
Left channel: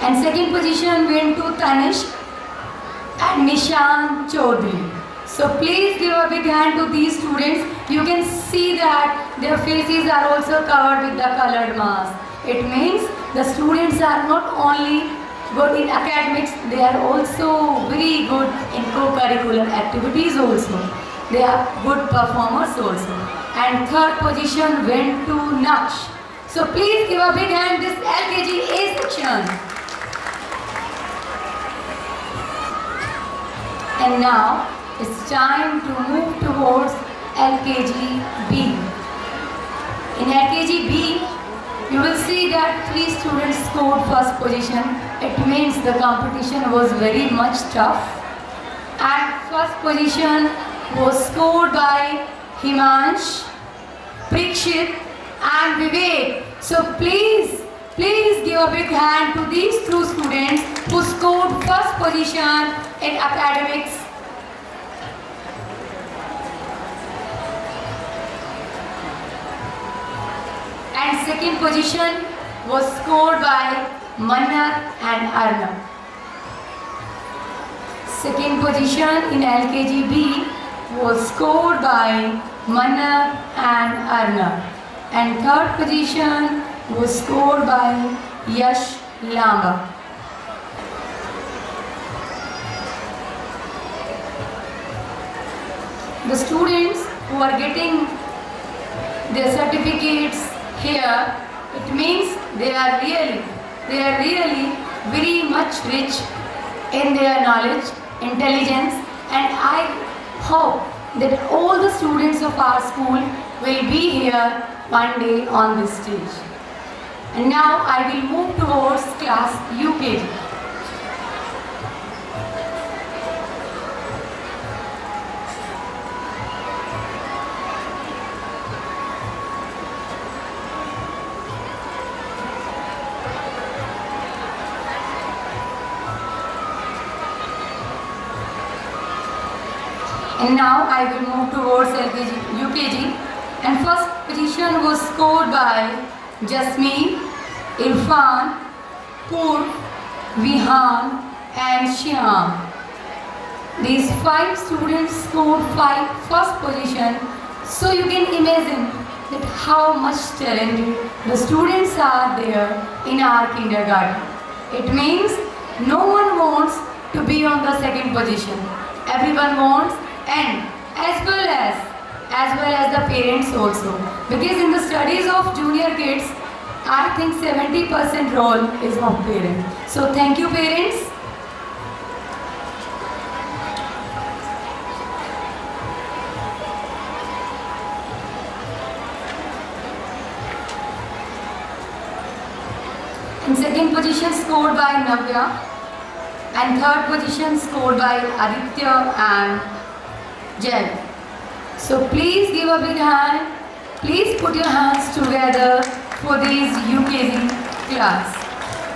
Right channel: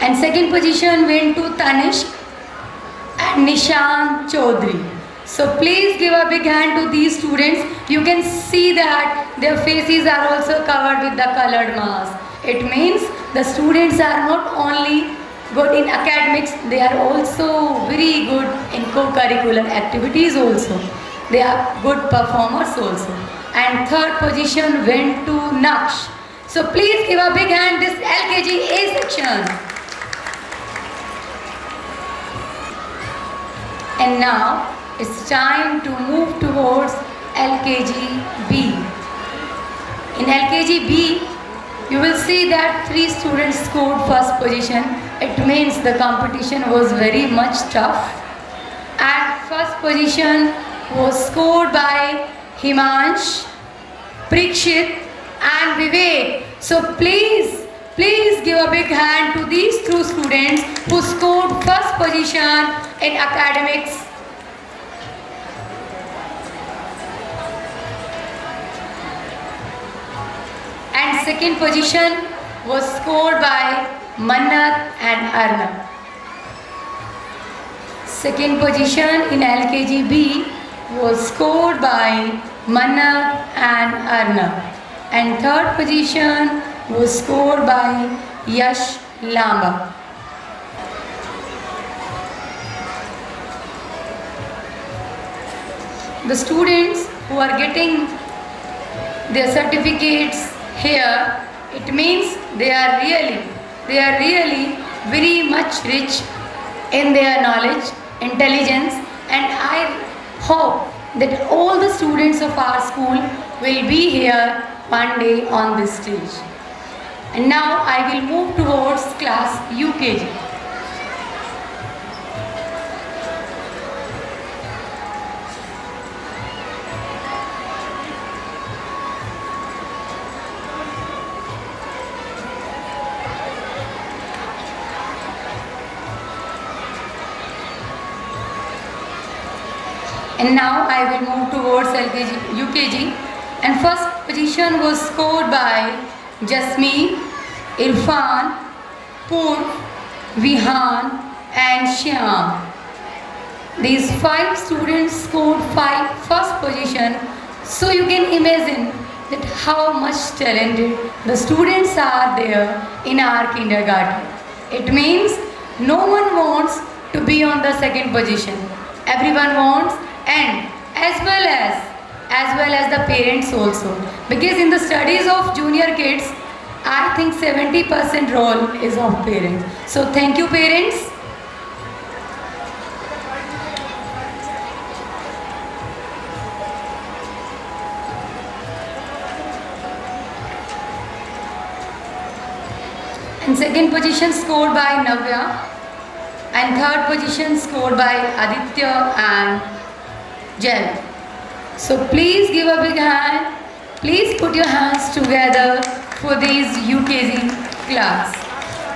And second position went to Tanishq and Nishant Chaudhary. So please give a big hand to these students. You can see that their faces are also covered with the colored mask. It means the students are not only good in academics, they are also very good in co-curricular activities also. They are good performers also. And third position went to Naksh. So please give a big hand this LKG A section. And now it's time to move towards LKG B. In LKG B, you will see that 3 students scored first position. It means the competition was very much tough. And first position was scored by Himansh, Prikshit and Vivek. So please give a big hand to these 2 students who scored first position in academics. And second position was scored by Mannat and Arnab. Second position in LKG B was scored by Mannat and Arnab. And third position was scored by Yash Lamba. The students who are getting their certificates here, it means they are really very much rich in their knowledge, intelligence, and I hope that all the students of our school will be here one day on this stage. And now I will move towards class UKG. And now I will move towards UKG. And first position was scored by Jasmine, Irfan, Pur, Vihan and Shyam. These 5 students scored first position. So you can imagine that how much talented the students are there in our kindergarten. It means no one wants to be on the second position. Everyone wants, and as well as the parents also. Because in the studies of junior kids, I think 70% role is of parents. So thank you parents. And second position scored by Navya. And third position scored by Aditya and Jel. So please give a big hand. Please put your hands together for these UKG class.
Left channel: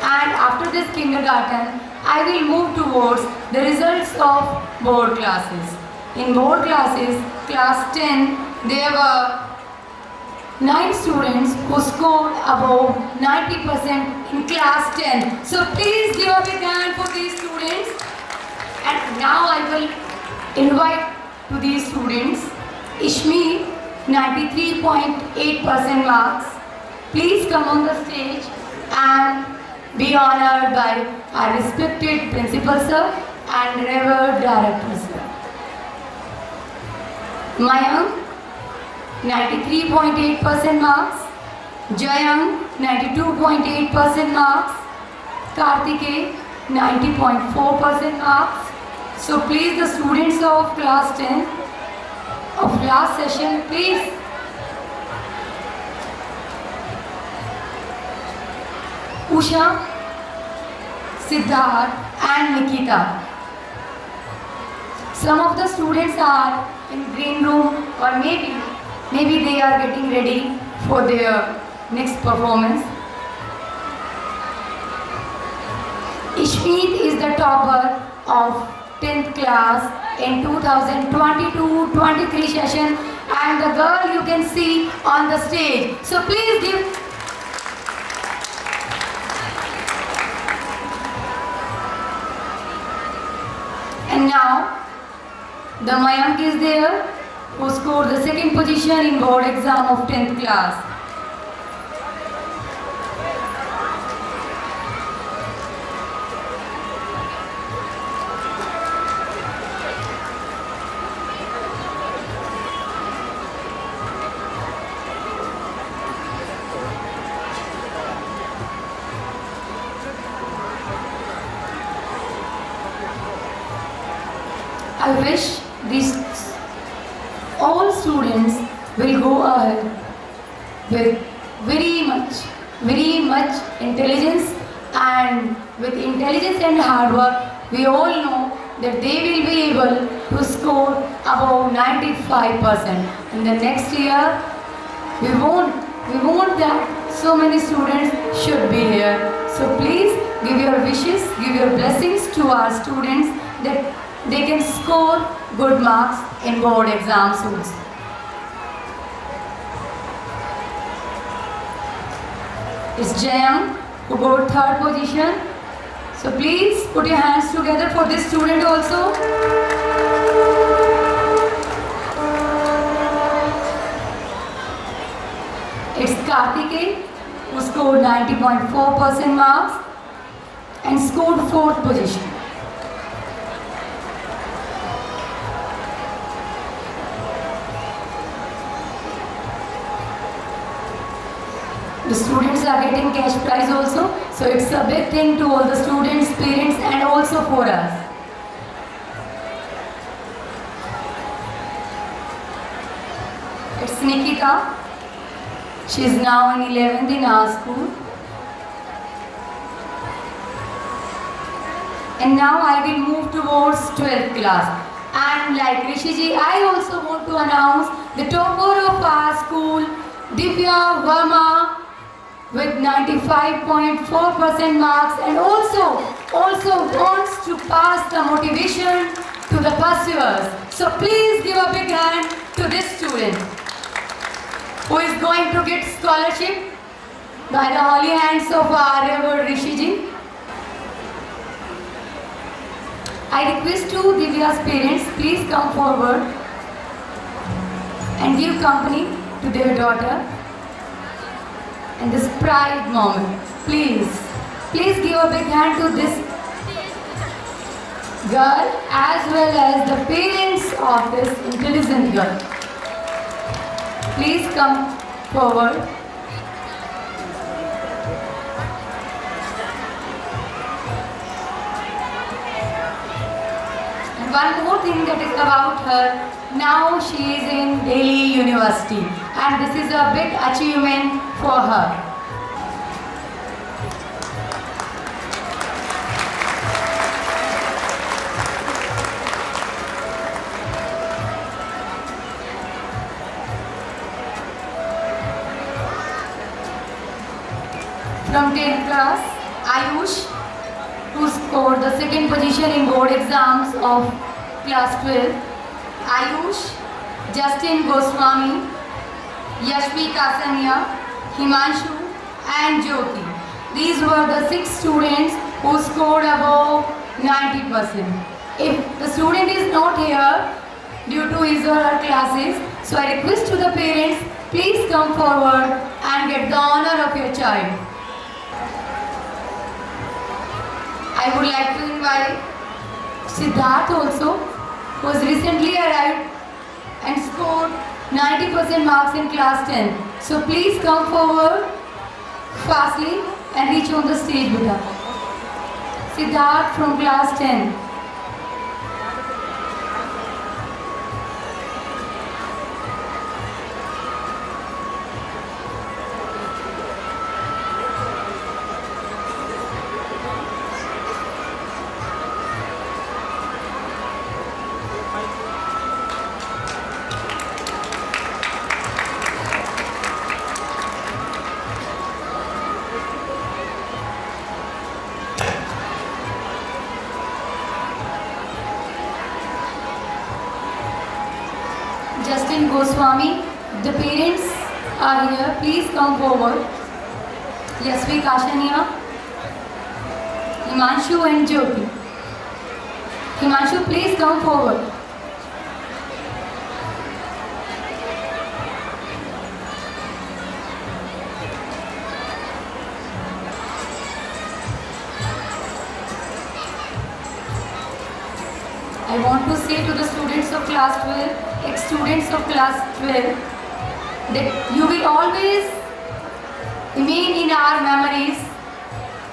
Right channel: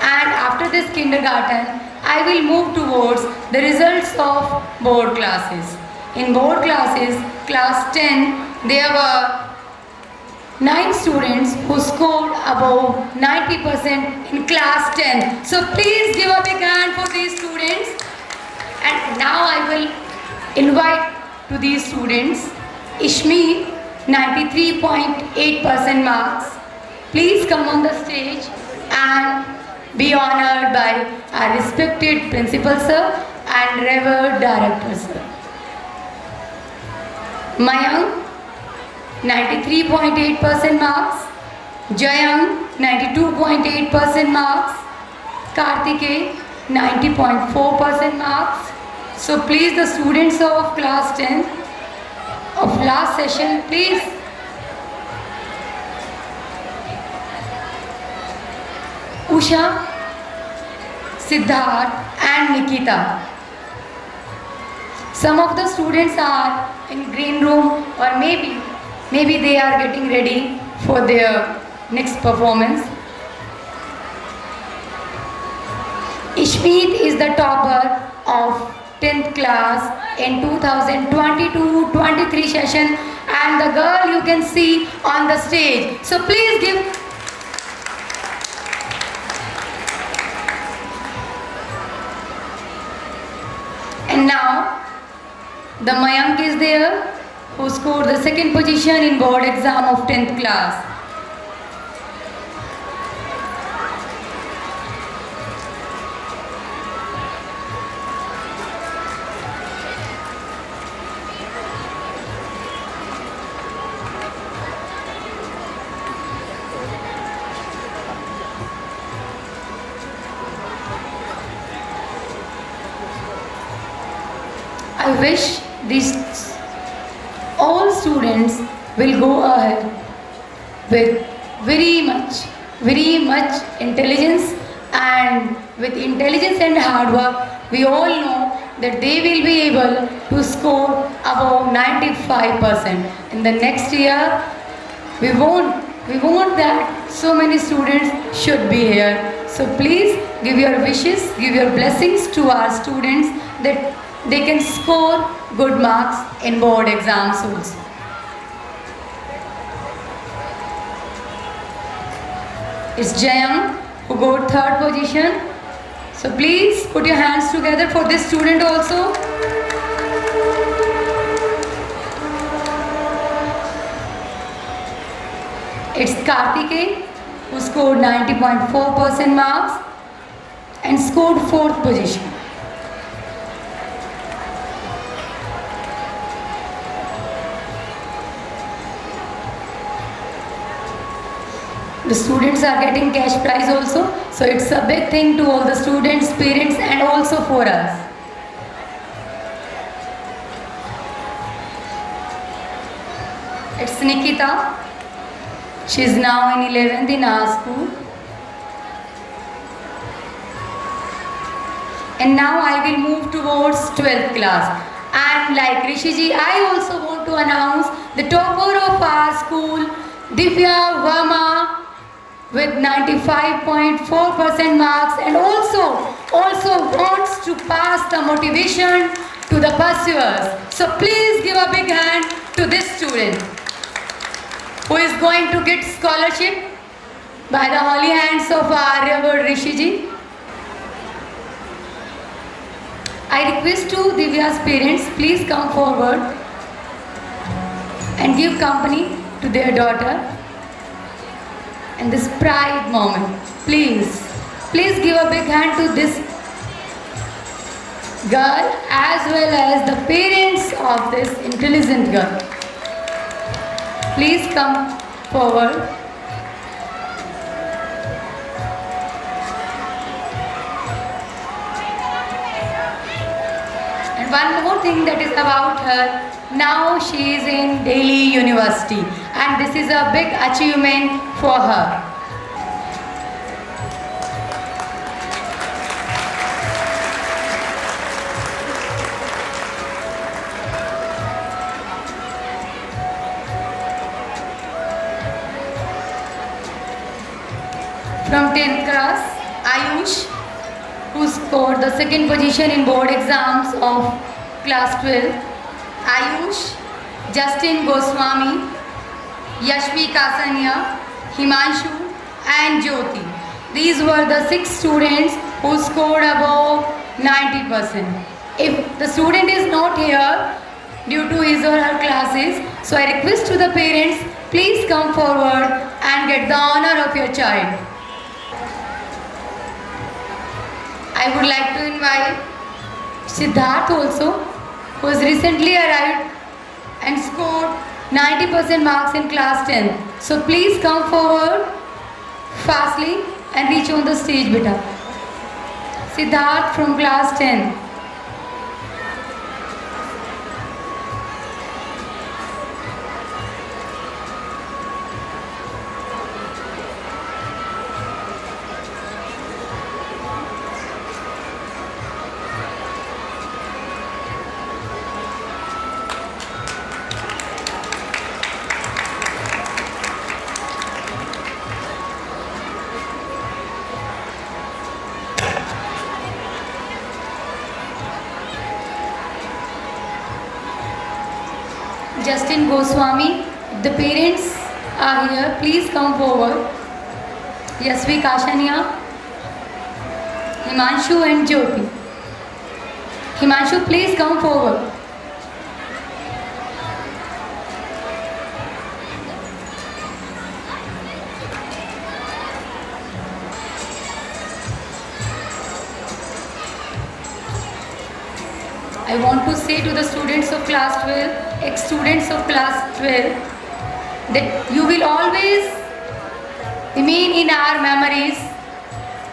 And after this kindergarten, I will move towards the results of board classes. In board classes, class 10, there were 9 students who scored above 90% in class 10. So please give a big hand for these students. And now I will invite to these students Ishmi, 93.8% marks. Please come on the stage and be honored by our respected principal sir and revered director sir. Mayank, 93.8% marks. Jayang, 92.8% marks. Kartikeya, 90.4% marks. So please, the students of class 10 of last session, please. Usha, Siddharth and Nikita. Some of the students are in green room, or maybe they are getting ready for their next performance. Ishmeet is the topper of 10th class in 2022-23 session, and the girl you can see on the stage. So please give. And now the Mayank is there, who scored the second position in board exam of 10th class. I wish these all students will go ahead with very much intelligence, and with intelligence and hard work, we all know that they will be able to score above 95%. In the next year, we want that so many students should be here. So please give your wishes, give your blessings to our students that they can score good marks in board exams also. It's Jayang who got third position. So please put your hands together for this student also. It's Kartikeya who scored 90.4% marks and scored 4th position. The students are getting cash prize also, so it's a big thing to all the students, parents, and also for us. It's Nikita. She is now in 11th in our school. And now I will move towards 12th class. And like Rishiji, I also want to announce the topper of our school, Divya Verma, with 95.4% marks, and also wants to pass the motivation to the pursuers. So please give a big hand to this student who is going to get scholarship by the holy hands of our revered Rishiji. I request to Divya's parents, please come forward and give company to their daughter. And this pride moment, please give a big hand to this girl as well as the parents of this intelligent girl. Please come forward. And one more thing that is about her, now she is in Delhi University, and this is a big achievement for her. From 10th class, Ayush, who scored the second position in board exams of class 12. Ayush, Justin Goswami, Yashvi Kasania, Himanshu and Jyoti. These were the 6 students who scored above 90%. If the student is not here due to his or her classes, so I request to the parents, please come forward and get the honor of your child. I would like to invite Siddharth also, who has recently arrived and scored 90% marks in class 10. So please come forward fastly and reach on the stage, beta. Siddharth from class 10. Justin Goswami, the parents are here, please come forward. Yashvi Kashania, Himanshu and Jyoti. Himanshu, please come forward. I want to say to the students of class 12, ex-students of class 12, that you will always remain in our memories.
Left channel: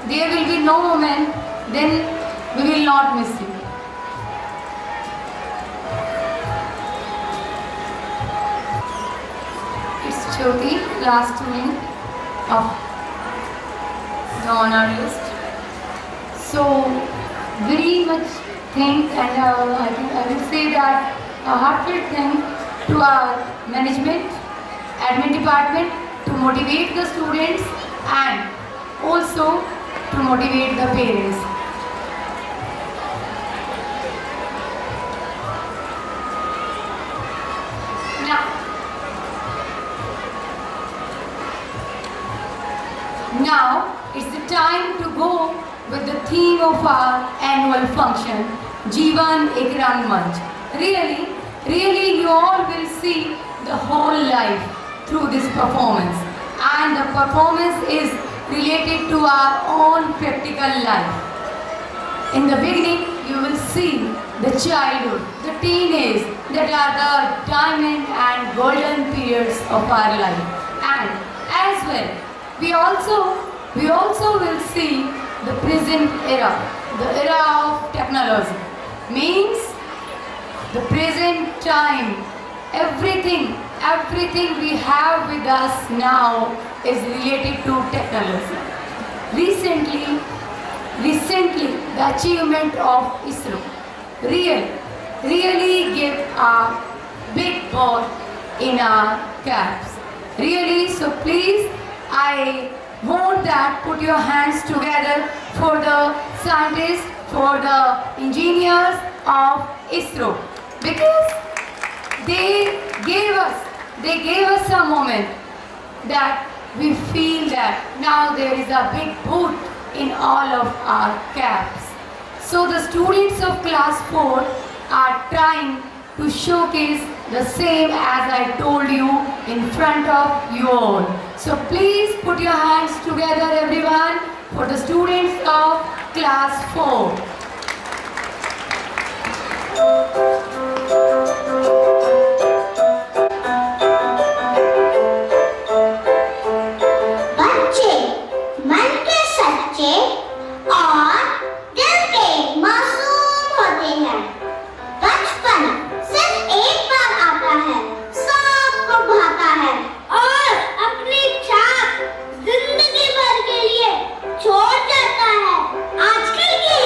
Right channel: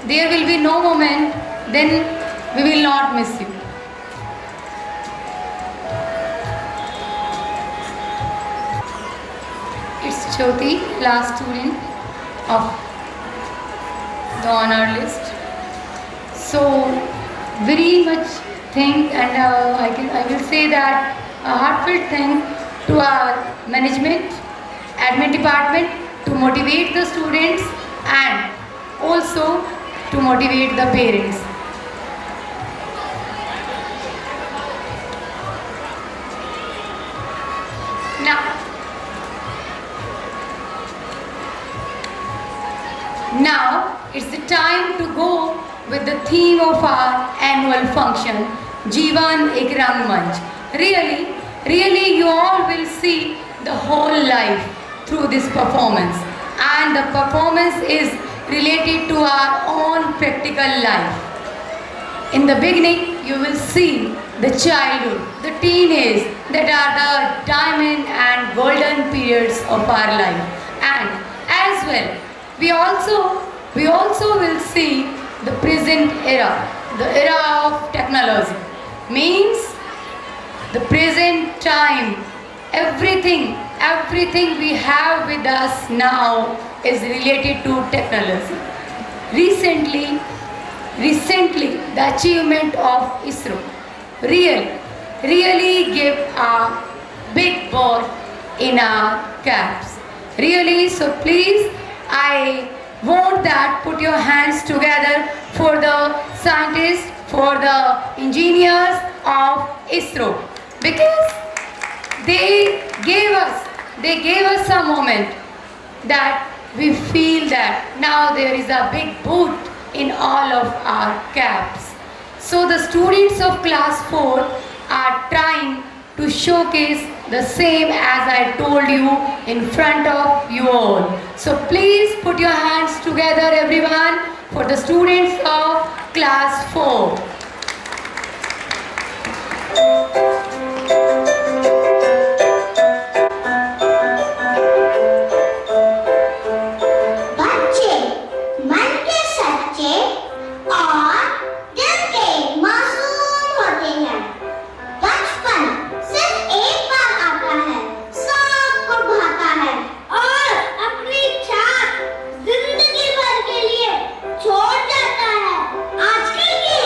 There will be no moment, then we will not miss you. It's Jyoti, last student of the honor list. So, very much thank, and I will say that a heartfelt thank to our management, admin department to motivate the students and also to motivate the parents. Now it's the time to go with the theme of our annual function, Jeevan Ek Rangmanch. Really you all will see the whole life through this performance, and the performance is related to our own practical life. In the beginning you will see the childhood, the teenage, that are the diamond and golden periods of our life, and as well we also will see the present era, the era of technology, means the present time. Everything we have with us now is related to technology. Recently the achievement of ISRO really gave a big ball in our caps. Really, so please, I want that put your hands together for the scientists, for the engineers of ISRO, because they gave us a moment that we feel that now there is a big boot in all of our caps. So the students of class 4 are trying to showcase the same as I told you in front of you all. So please put your hands together, everyone, for the students of class 4. छोड़ जाता है। आजकल की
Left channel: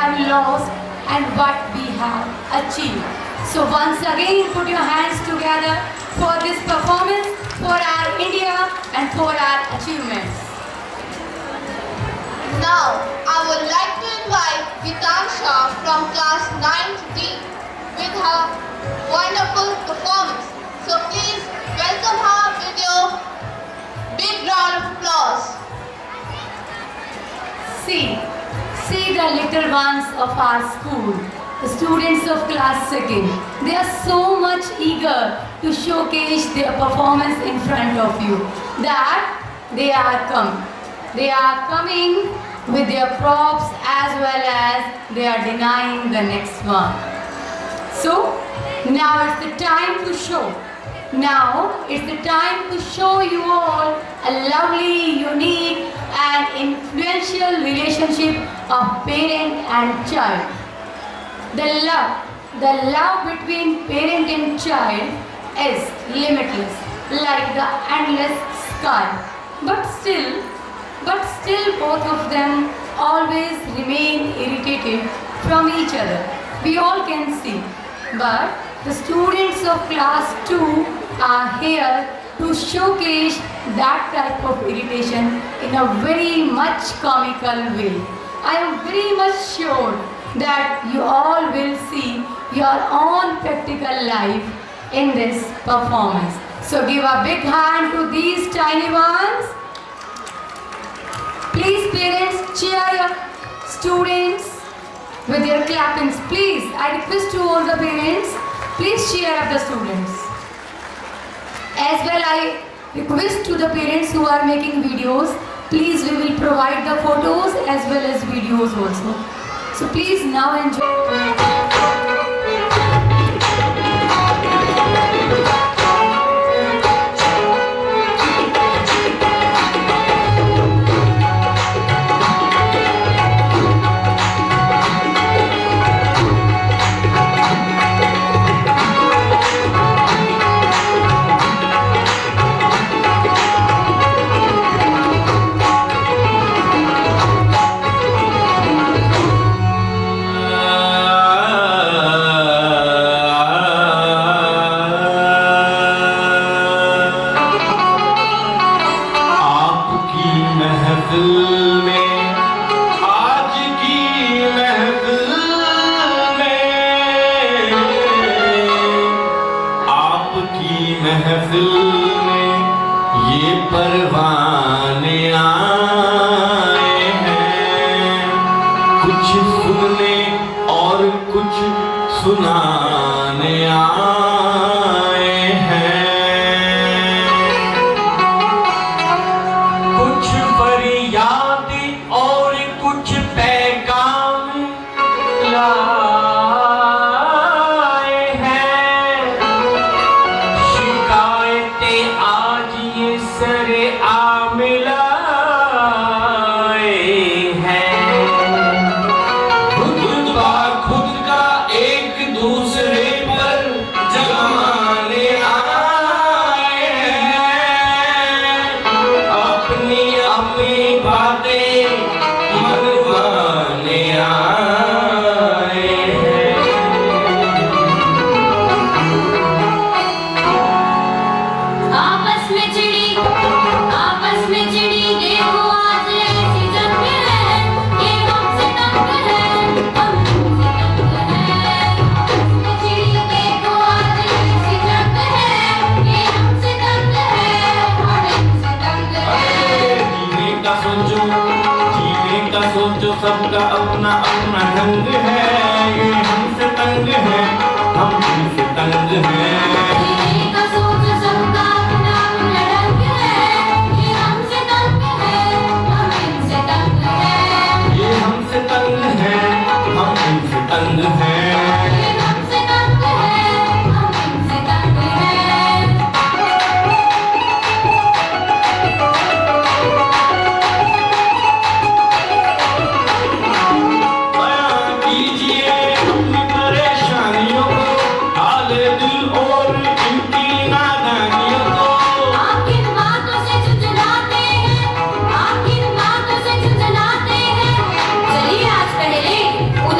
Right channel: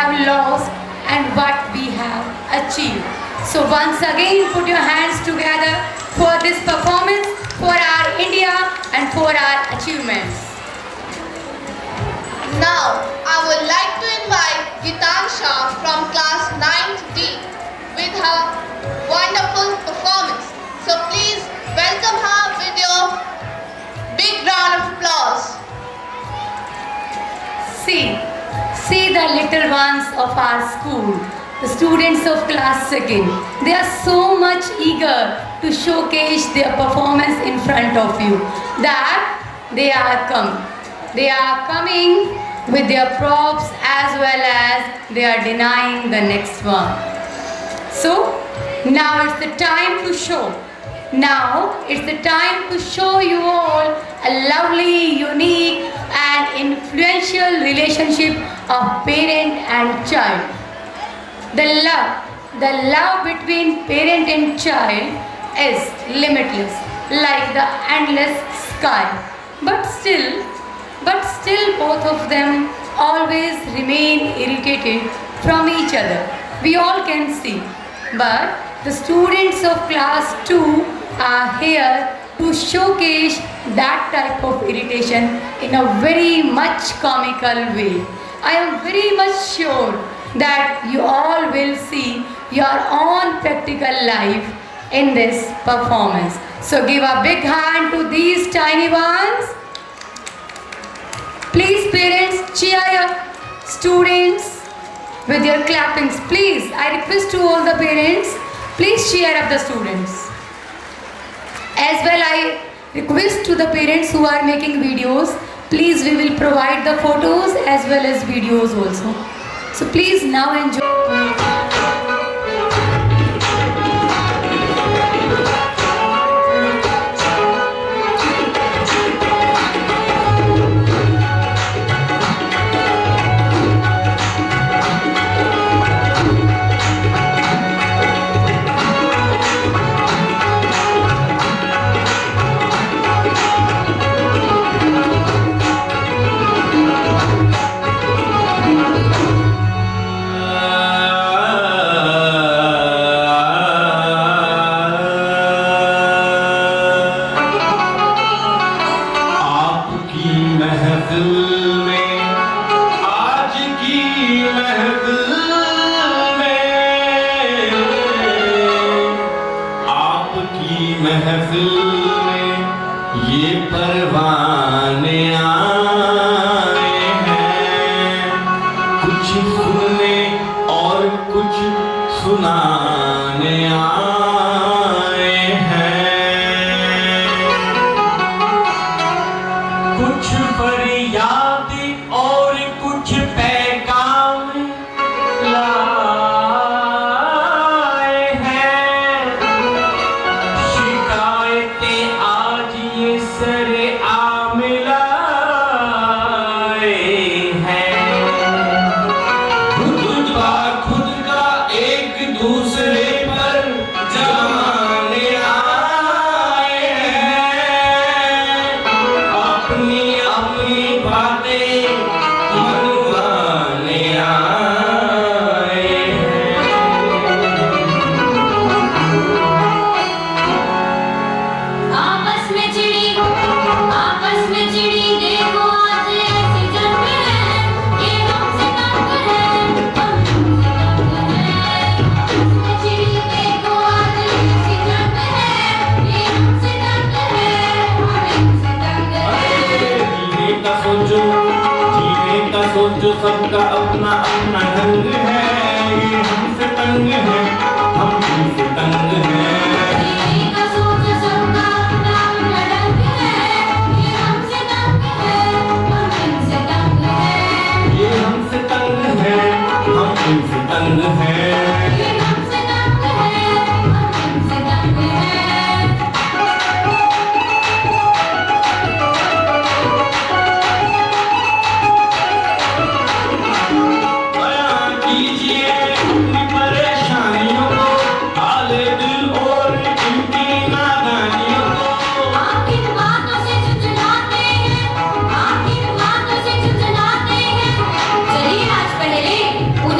have lost and what we have achieved. So once again, put your hands together for this performance, for our India and for our achievements. Now, I would like to invite Gitansha from class 9th D with her wonderful performance. So please welcome her with your big round of applause. See the little ones of our school, the students of class 2nd. They are so much eager to showcase their performance in front of you that they are coming with their props as well as they are denying the next one. So now it's the time to show. Now it's the time to show you all a lovely, unique and influential relationship of parent and child. The love between parent and child is limitless, like the endless sky. But still both of them always remain irritated from each other. We all can see. But the students of class 2 are here to showcase that type of irritation in a very much comical way. I am very much sure that you all will see your own practical life in this performance. So give a big hand to these tiny ones. Please parents, cheer your students with your clappings. Please, I request to all the parents, please cheer up the students. As well, I request to the parents who are making videos, please we will provide the photos as well as videos also. So please now enjoy. सबका अपना अपना ढंग है, ये हमसे तंग है, हम इनसे तंग हैं। ये हमसे तंग है, हम इनसे तंग हैं। उन्हें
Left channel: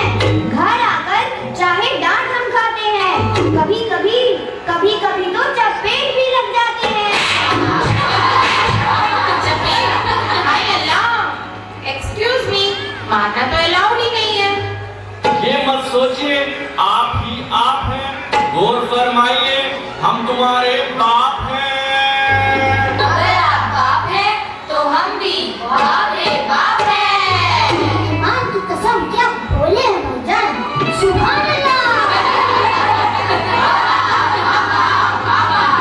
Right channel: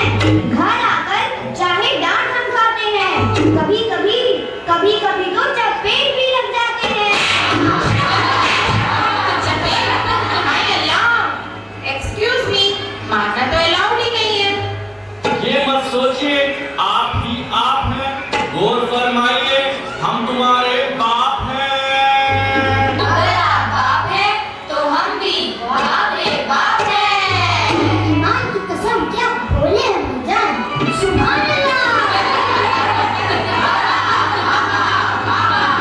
हैं। घर आकर चाहे डांट हम खाते हैं, कभी कभी तो चपेट भी लग जाते हैं। एक्सक्यूज मी, मारना तो अलाउड ही नहीं है। ये मत सोचिए, आप ही आप हैं, गौर फरमाइए, हम तुम्हारे बाप हैं। अगर आप बाप हैं, तो हम भी बाप हैं। ईमान की कसम, क्या बोले हैं मुजान, सुभान अल्लाह।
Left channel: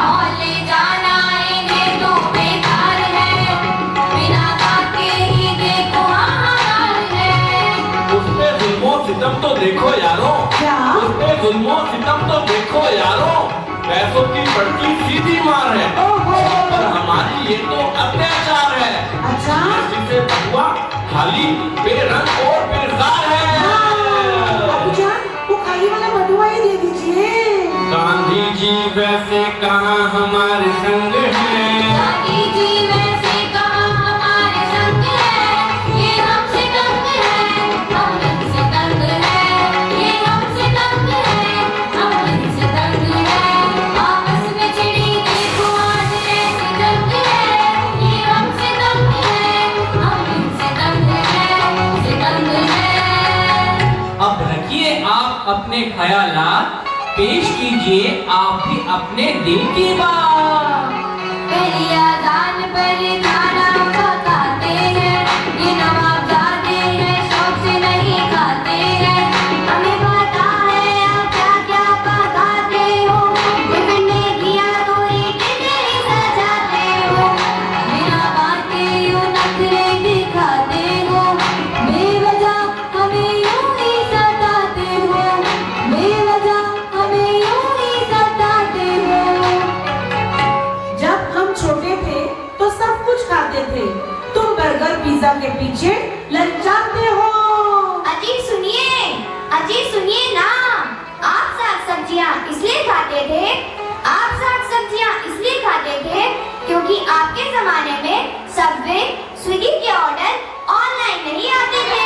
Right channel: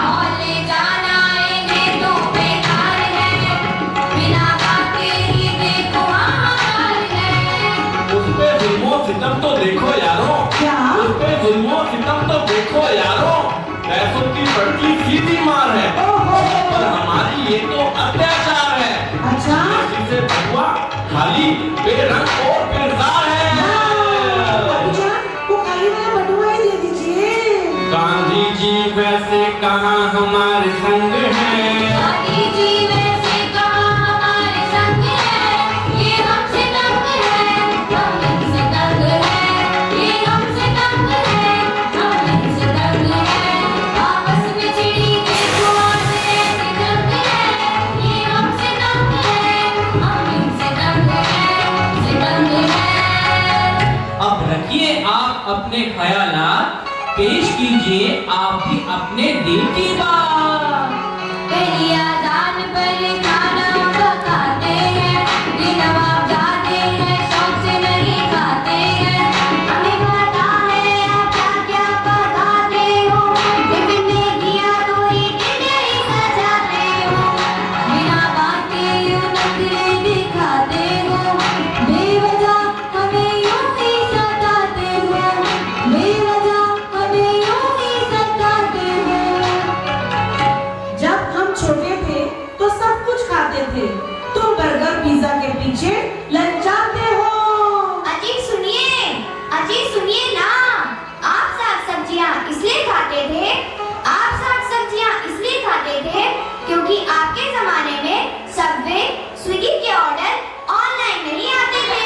मौले जान आएंगे तो बेकार है, बिना बात के ही देखो हाल है। उस पे जुल्मों सितम तो देखो यारो, उस पे जुल्मों सितम तो देखो यारो, पैसों की बढ़ती सीधी मार है, पर हमारी ये तो अत्याचार है। अच्छा, जिसे हुआ खाली बेरंग और बेजार है। वो खाली वाला बटुआ ही दे दीजिए। गांधी जी वैसे कहाँ हमारे संग हैं, गांधी जी वैसे कहाँ हमारे संग है, ये हमसे तंग है, हम इनसे तंग है, ये हमसे तंग है, हम इनसे तंग है। आपस में चिड़ी देखो आज कैसे जंग है, ये हमसे तंग है, हम इनसे तंग है। अब रखिए आप अपने ख्यालात, पेश कीजिए आप भी अपने दिल की बात। पहली आजान पर खाना पकाते हैं, बिना जाते हैं, शौक से नहीं खाते हैं। हमें पता है आप क्या क्या पकाते हो, इतने किया तो एक ही सजाते हो। बिना बाते यूं नखरे दिखाते हो, बेवजह हमें यूं ही सताते हो, बेवजह हमें यूं ही सताते हो। जब हम छोटे थे तो सब कुछ खाते थे, तुम बर्गर पिज्जा के पीछे ललचाते हो। अजी सुनिए ना, आप साग सब्जियां इसलिए खाते थे, क्योंकि आपके जमाने में सबवे स्विगी के ऑर्डर ऑनलाइन नहीं आते थे।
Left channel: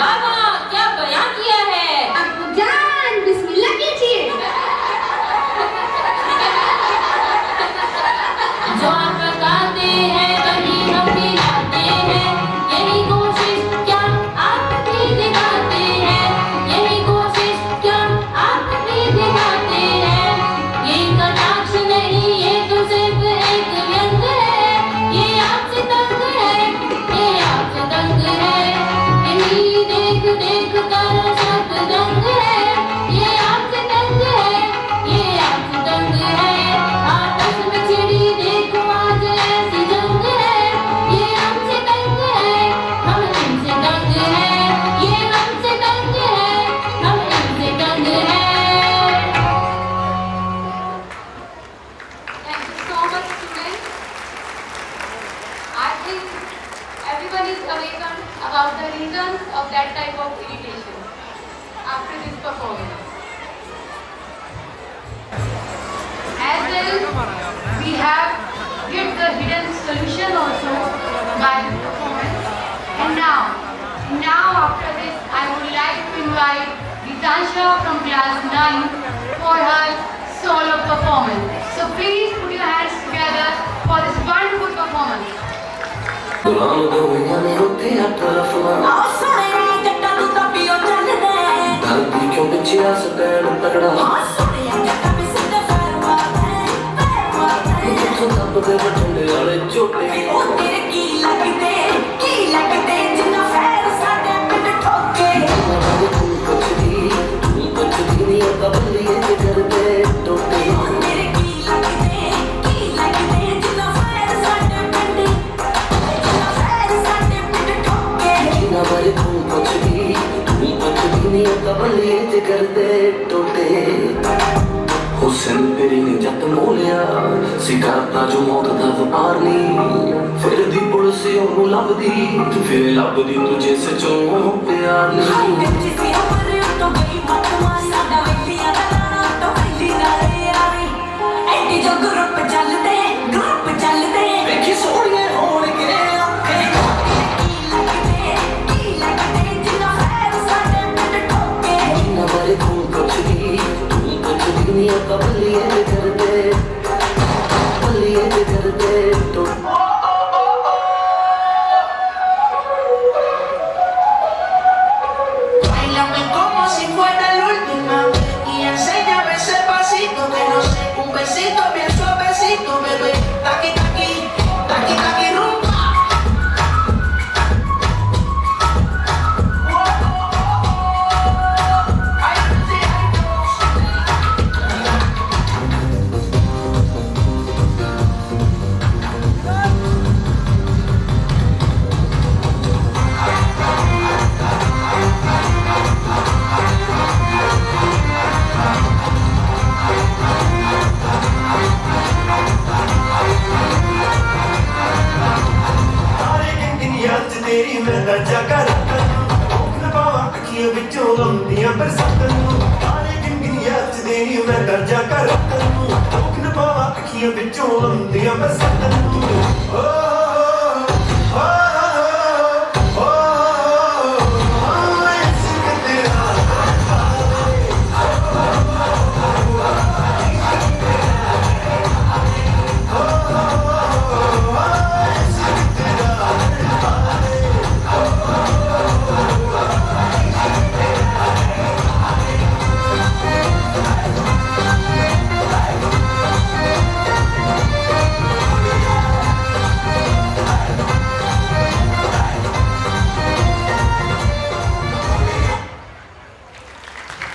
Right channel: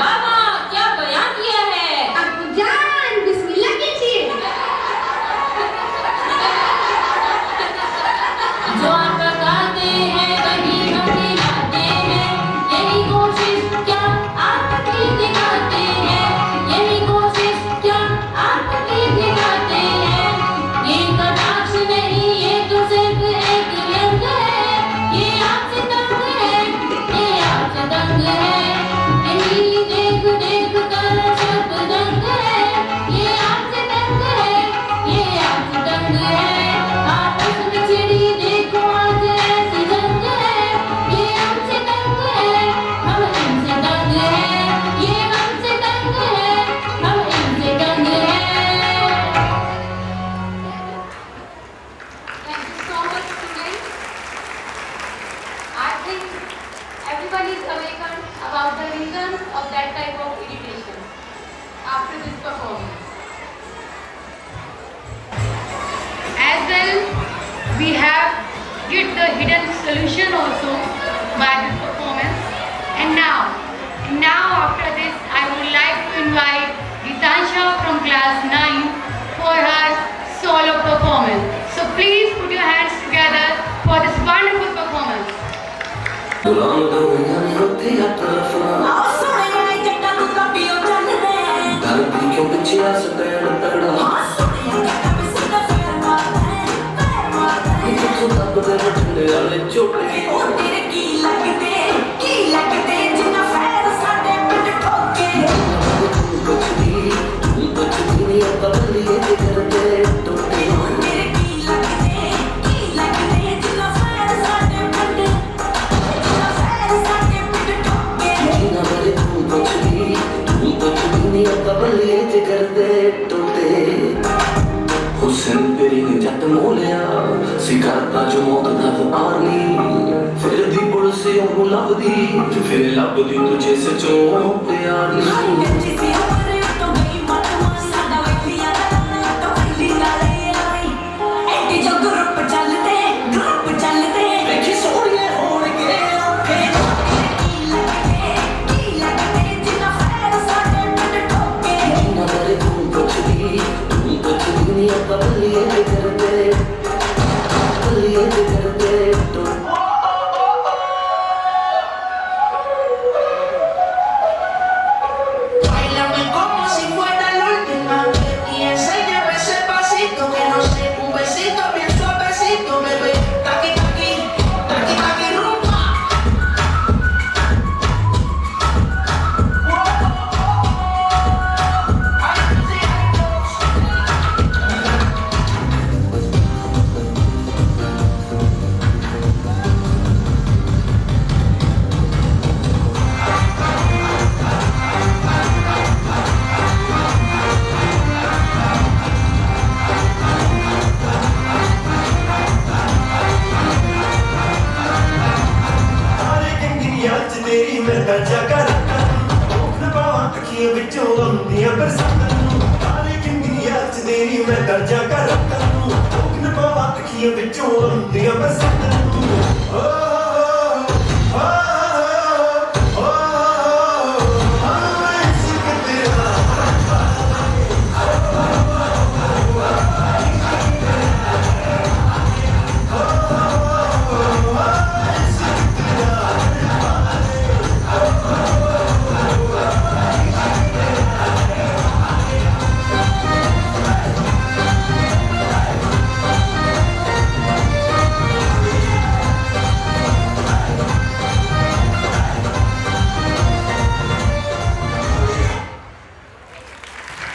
मामा क्या बयान किया है? अब्बूजान बिस्मिल्लाह कीजिए। जो आप लगाते हैं वही हम मिलाते हैं, यही कोशिश क्या आप भी दिखाते हैं, यही कोशिश क्या आप भी दिखाते हैं। ये कटाक्ष नहीं, ये तो सिर्फ एक रंग है, ये आपसे तंग है, ये आपसे तंग है। यही देख देख कर सब रंग है, ये आपसे तंग है, ये आपसे तंग है। आपस में चिड़ी देखो आज ऐसी जंग है, ये हमसे तंग है, हम इनसे तंग है, ये हमसे तंग है, हम इनसे तंग है। Thank you so much, students. I think everyone is awakened about the reasons of that type of irritation after this performance. As well, we have get the hidden solution also by this performance. And now after this, I would like to invite Gitansha from class 9 for her solo performance. So please put your hands together for this wonderful performance. गुलाम दुनिया में होते हैं तरफना, धरती क्यों पीछे आ सकते हैं तगड़ा, तो तब दे बचने वाले चोटे, हुसैन तेरी ने जत मोलिया सिखाता जो मौत दा वपारी, फिर दी पड़ोसियों को लभदी, फिर लभदी तुझे सचों प्यार नहीं। ਅੱਖੀਆਂ ਵਿੱਚੋਂ ਲੰਦੀਆਂ ਬਰਸਾਤਾਂ ਨੂੰ ਸਾਰੇ ਜ਼ਿੰਦਗੀ ਯਾਦ ਦੇਣੀ ਮੈਂ ਦਰਜਾ ਕਰ ਰੱਖਾਂ ਨੂੰ ਨਾ ਪਾਵਾ ਅੱਖੀਆਂ ਵਿੱਚੋਂ ਲੰਦੀਆਂ ਬਰਸਾਤਾਂ ਨੂੰ